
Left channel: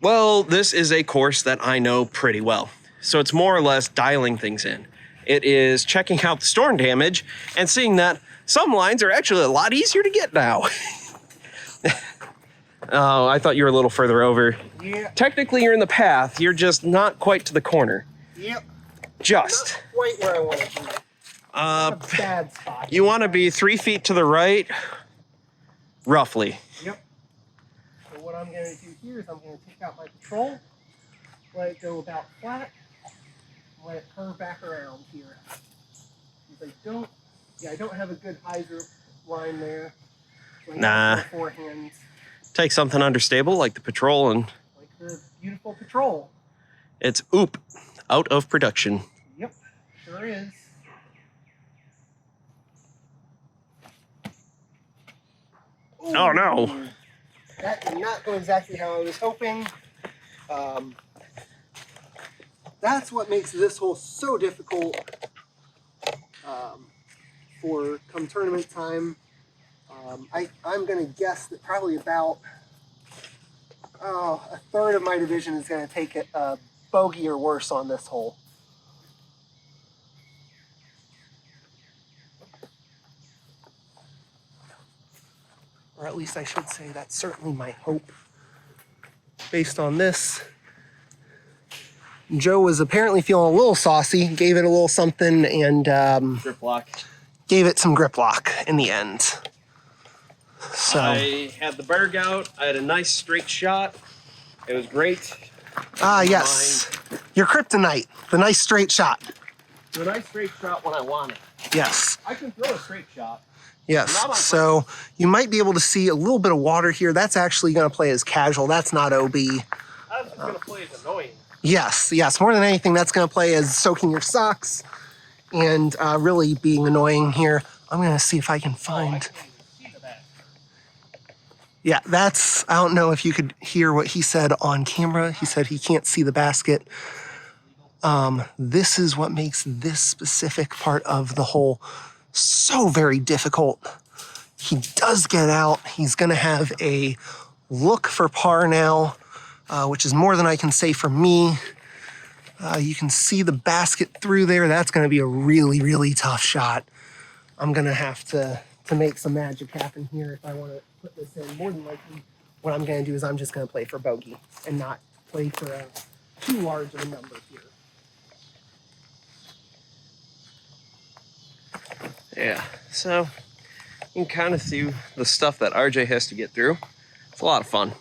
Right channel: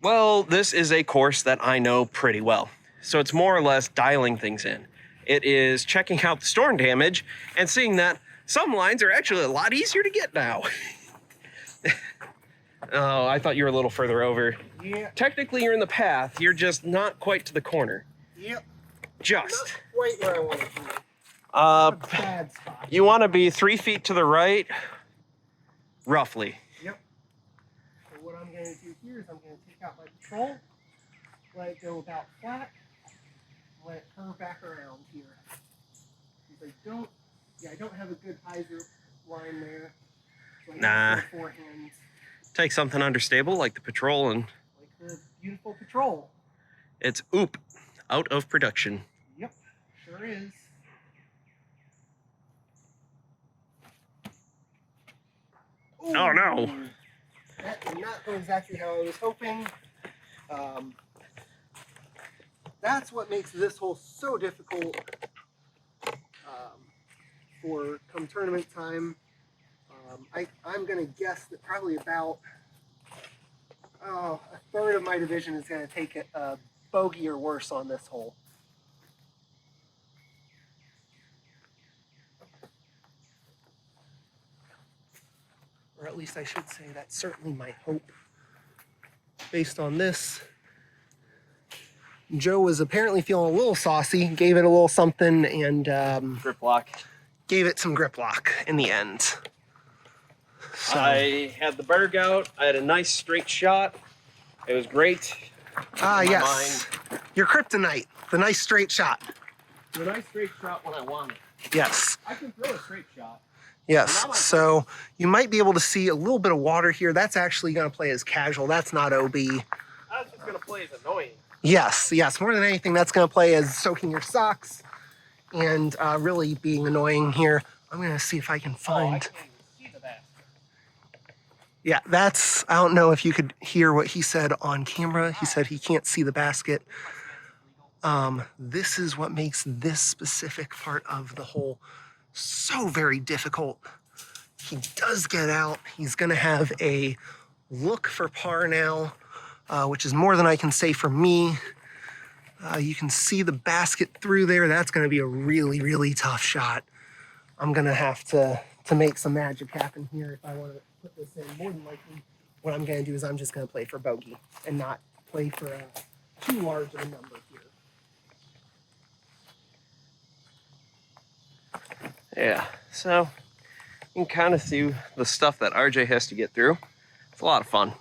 Well, this is a course that I know pretty well. So it's more or less dialing things in. It is checking out the storm damage and seeing that some lines are actually a lot easier to get now. Oh, I thought you were a little further over. Yeah. Technically, you're in the path. You're just not quite to the corner. Yep. Just. Not quite where I want to be. A bad spot. You want to be 3 feet to the right, roughly. Yep. So what I'm going to do here is I'm going to take out my patrol, let it go about flat, and let it curve back around here. Because I don't have a good hyzer line there. So Nah. Forehands. Take something understable like the patrol and Like the beautiful patrol. it's out of production. Yep, sure is. Ooh, Oh no. That did not go exactly how I was hoping. That's what makes this hole so difficult for come tournament time. I'm going to guess that probably about a third of my division is going to take it bogey or worse on this hole. Or at least I should say that's certainly my hope. Based on this, Joe was apparently feeling a little saucy, gave it a little something, and Grip lock. gave it some grip lock in the end. So I had the berg out. I had a nice straight shot. It was great. Yes. Your kryptonite, the nice straight shot. A nice straight shot when I want it. Yes. I can throw a straight shot. Yes. So you might be able to see a little bit of water here. That's actually going to play as casual. That's not OB. I was just going to play as annoying. Yes. Yes. More than anything, that's going to play as soaking your socks and really being annoying here. I'm going to see if I can find. Yeah, that's, I don't know if you could hear what he said on camera. He said he can't see the basket. This is what makes this specific part of the hole so very difficult. He does get out. He's going to have a look for par now, which is more than I can say for me. You can see the basket through there. That's going to be a really, really tough shot. I'm going to have to make some magic happen here if I want to put this in. More than likely, what I'm going to do is I'm just going to play for bogey and not play for a too large of a number here. Yeah, so you can kind of see the stuff that RJ has to get through. It's a lot of fun.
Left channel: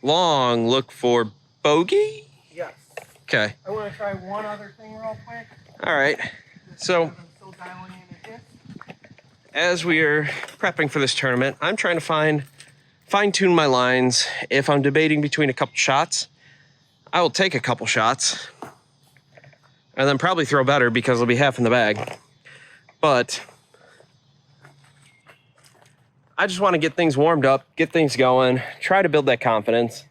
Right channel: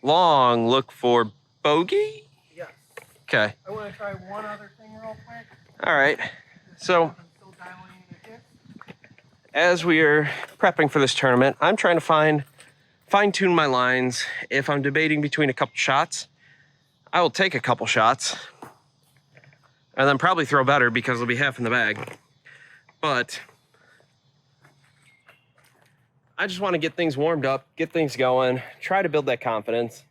Long look for bogey? Yes. Okay. I want to try one other thing real quick. All right. So as we are prepping for this tournament, I'm trying to fine-tune my lines. If I'm debating between a couple shots, I will take a couple shots and then probably throw better because it'll be half in the bag. But I just want to get things warmed up, get things going, try to build that confidence,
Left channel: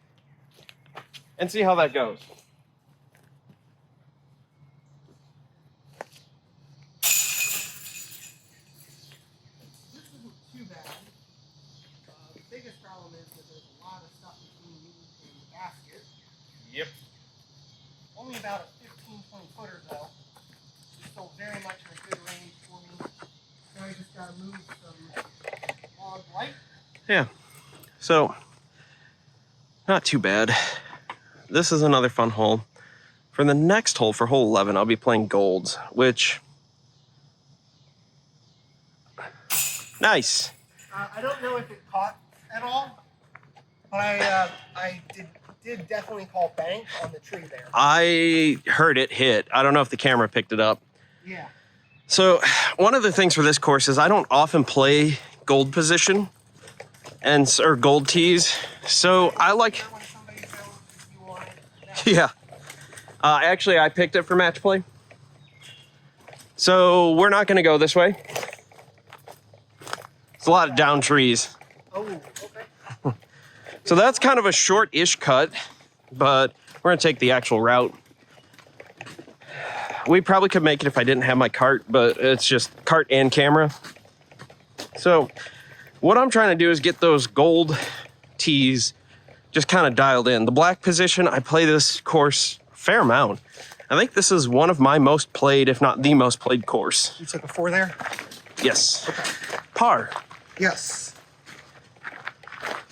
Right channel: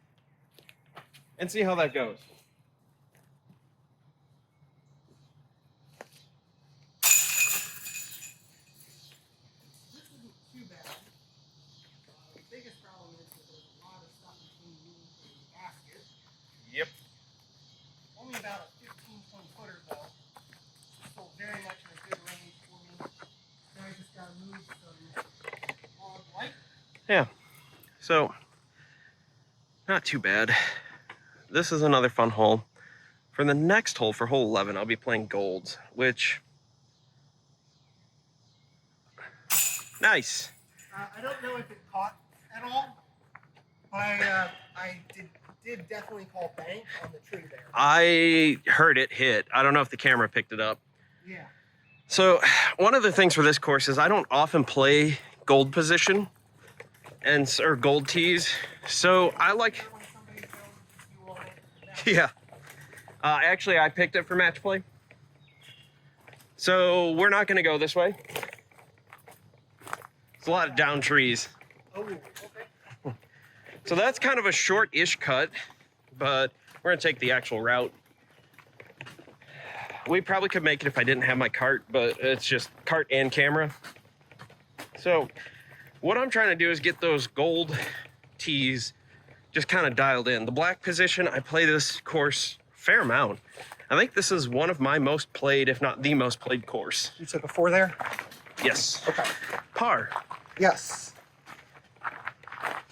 and see how that goes. Yep. Only about a 15-20 footer though. Still very much in a good range for me. Now I just gotta move some log light. Yeah. So not too bad. This is another fun hole. For the next hole, for hole 11, I'll be playing golds, which nice. I don't know if it caught at all, but I did definitely call bank on the tree there. I heard it hit. I don't know if the camera picked it up. Yeah. So one of the things for this course is I don't often play gold position or gold tees. So I like, yeah. Actually, I picked it for match play. So we're not going to go this way. It's a lot of down trees. Oh, okay. So that's kind of a short-ish cut, but we're gonna take the actual route. We probably could make it if I didn't have my cart, but it's just cart and camera. So what I'm trying to do is get those gold tees just kind of dialed in. The black position, I play this course a fair amount. I think this is one of my most played, if not the most played course. You took a 4 there? Yes. Okay. Par. Yes.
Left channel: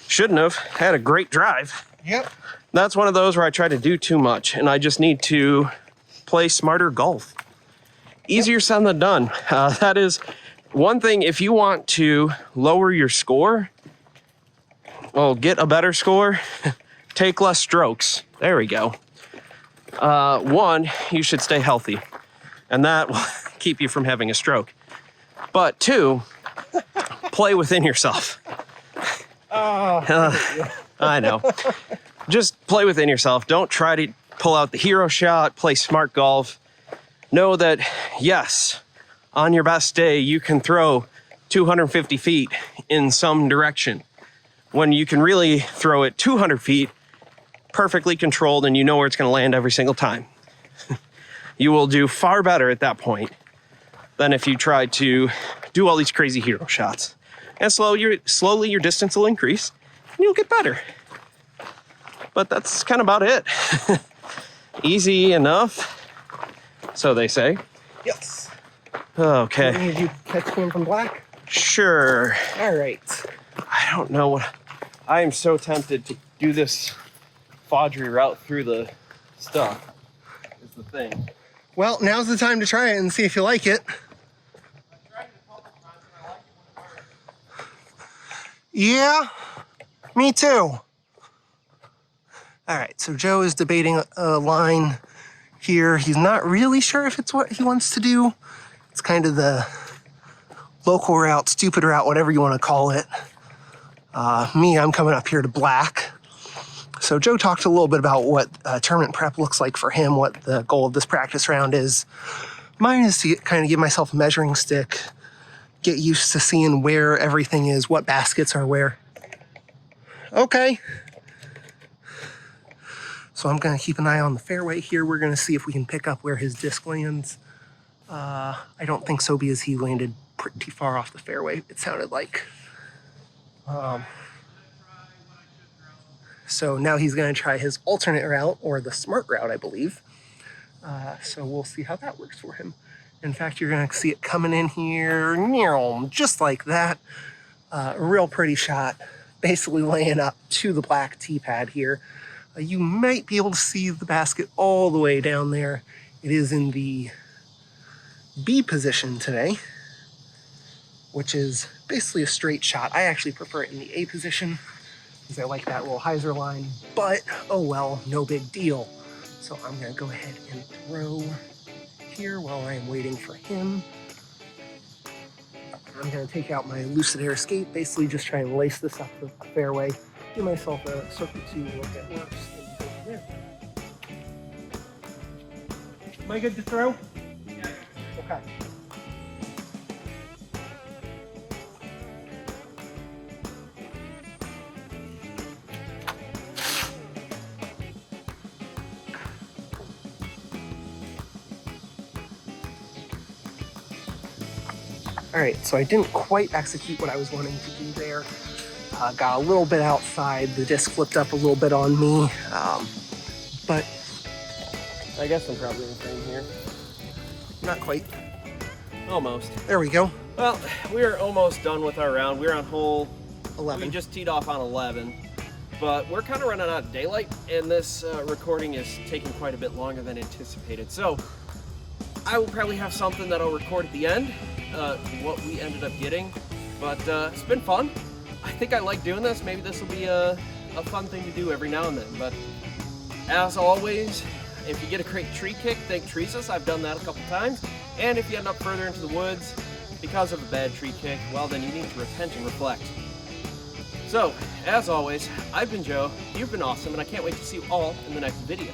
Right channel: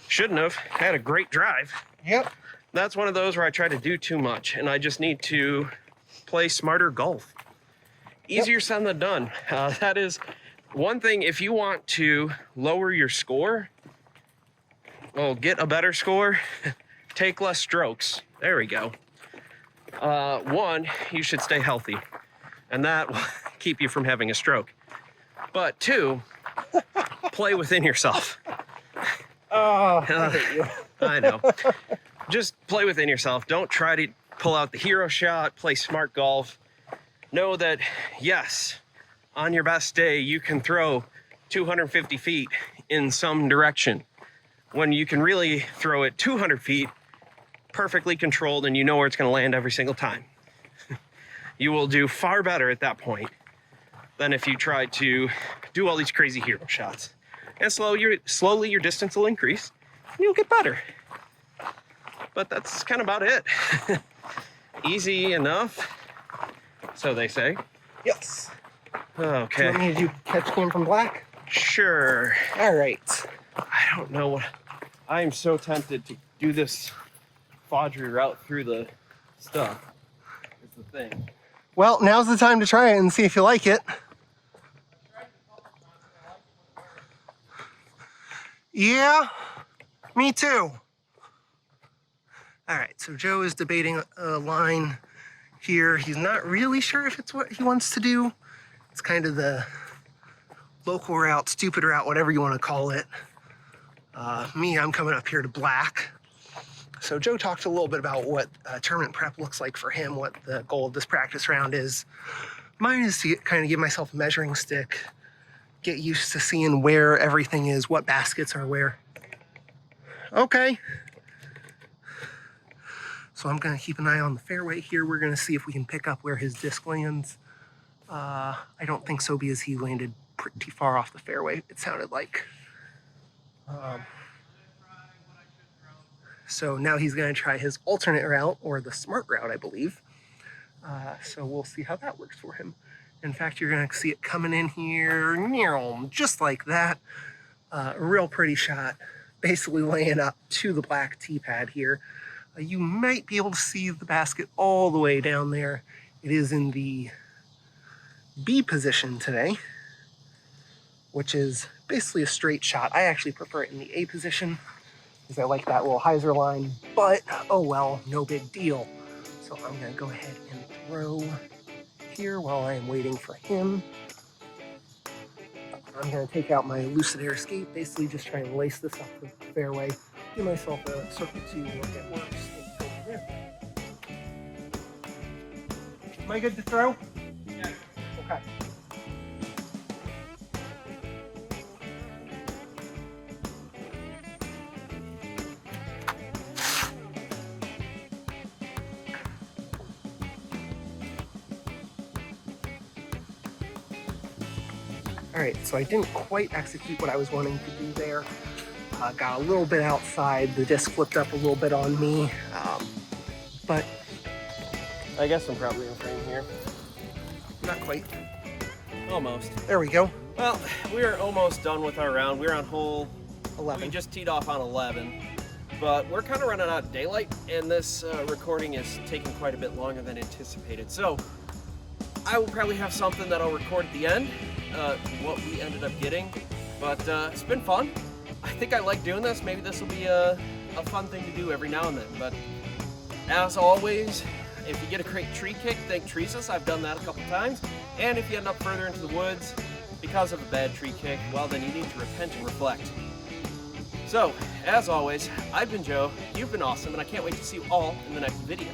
Shouldn't have. Had a great drive. Yep. That's one of those where I try to do too much, and I just need to play smarter golf. Easier said than done. That is one thing. If you want to lower your score, well, get a better score, take less strokes. There we go. One, you should stay healthy, and that will keep you from having a stroke. But two, play within yourself. I know. Just play within yourself. Don't try to pull out the hero shot. Play smart golf. Know that, yes, on your best day, you can throw 250 feet in some direction. When you can really throw it 200 feet, perfectly controlled, and you know where it's going to land every single time. You will do far better at that point than if you try to do all these crazy hero shots. And slowly your distance will increase, and you'll get better. But that's kind of about it. Easy enough, so they say. Yes. Okay. Do you need you catch cam from black? Sure. All right. I don't know what. I am so tempted to do this Fodry route through the stuff. Is the thing. Well, now's the time to try it and see if you like it. Yeah, me too. All right, so Joe is debating a line here. He's not really sure if it's what he wants to do. It's kind of the local route, stupid route, whatever you want to call it. Me, I'm coming up here to black. So Joe talked a little bit about what tournament prep looks like for him, what the goal of this practice round is. Mine is to kind of give myself a measuring stick, get used to seeing where everything is, what baskets are where. Okay. So I'm gonna keep an eye on the fairway here. We're gonna see if we can pick up where his disc lands. I don't think so because he landed pretty far off the fairway, it sounded like. So now he's gonna try his alternate route, or the smart route, I believe. So we'll see how that works for him. In fact, you're gonna see it coming in here, just like that. A real pretty shot, basically laying up to the black tee pad here. You might be able to see the basket all the way down there. It is in the B position today, which is basically a straight shot. I actually prefer it in the A position because I like that little hyzer line, but oh well, no big deal. So I'm gonna go ahead and throw here while I am waiting for him. I'm gonna take out my Lucid Air Escape, basically just try and lace this up the fairway, give myself a circle 2 look at works, and go from there. Am I good to throw? Okay. All right, so I didn't quite execute what I was wanting to do there. Got a little bit outside. The disc flipped up a little bit on me, but I guess I'm probably in the frame here. not quite. Almost. There we go. Well, we're almost done with our round. We're on hole 11. We just teed off on 11, but we're kind of running out of daylight, and this recording is taking quite a bit longer than anticipated. So I will probably have something that I'll record at the end, what we ended up getting, but it's been fun. I think I like doing this. Maybe this will be a fun thing to do every now and then, but as always, if you get a great tree kick, thank Teresa's. I've done that a couple times. And if you end up further into the woods because of a bad tree kick, well, then you need to repent and reflect. So, as always, I've been Joe, you've been awesome, and I can't wait to see you all in the next video.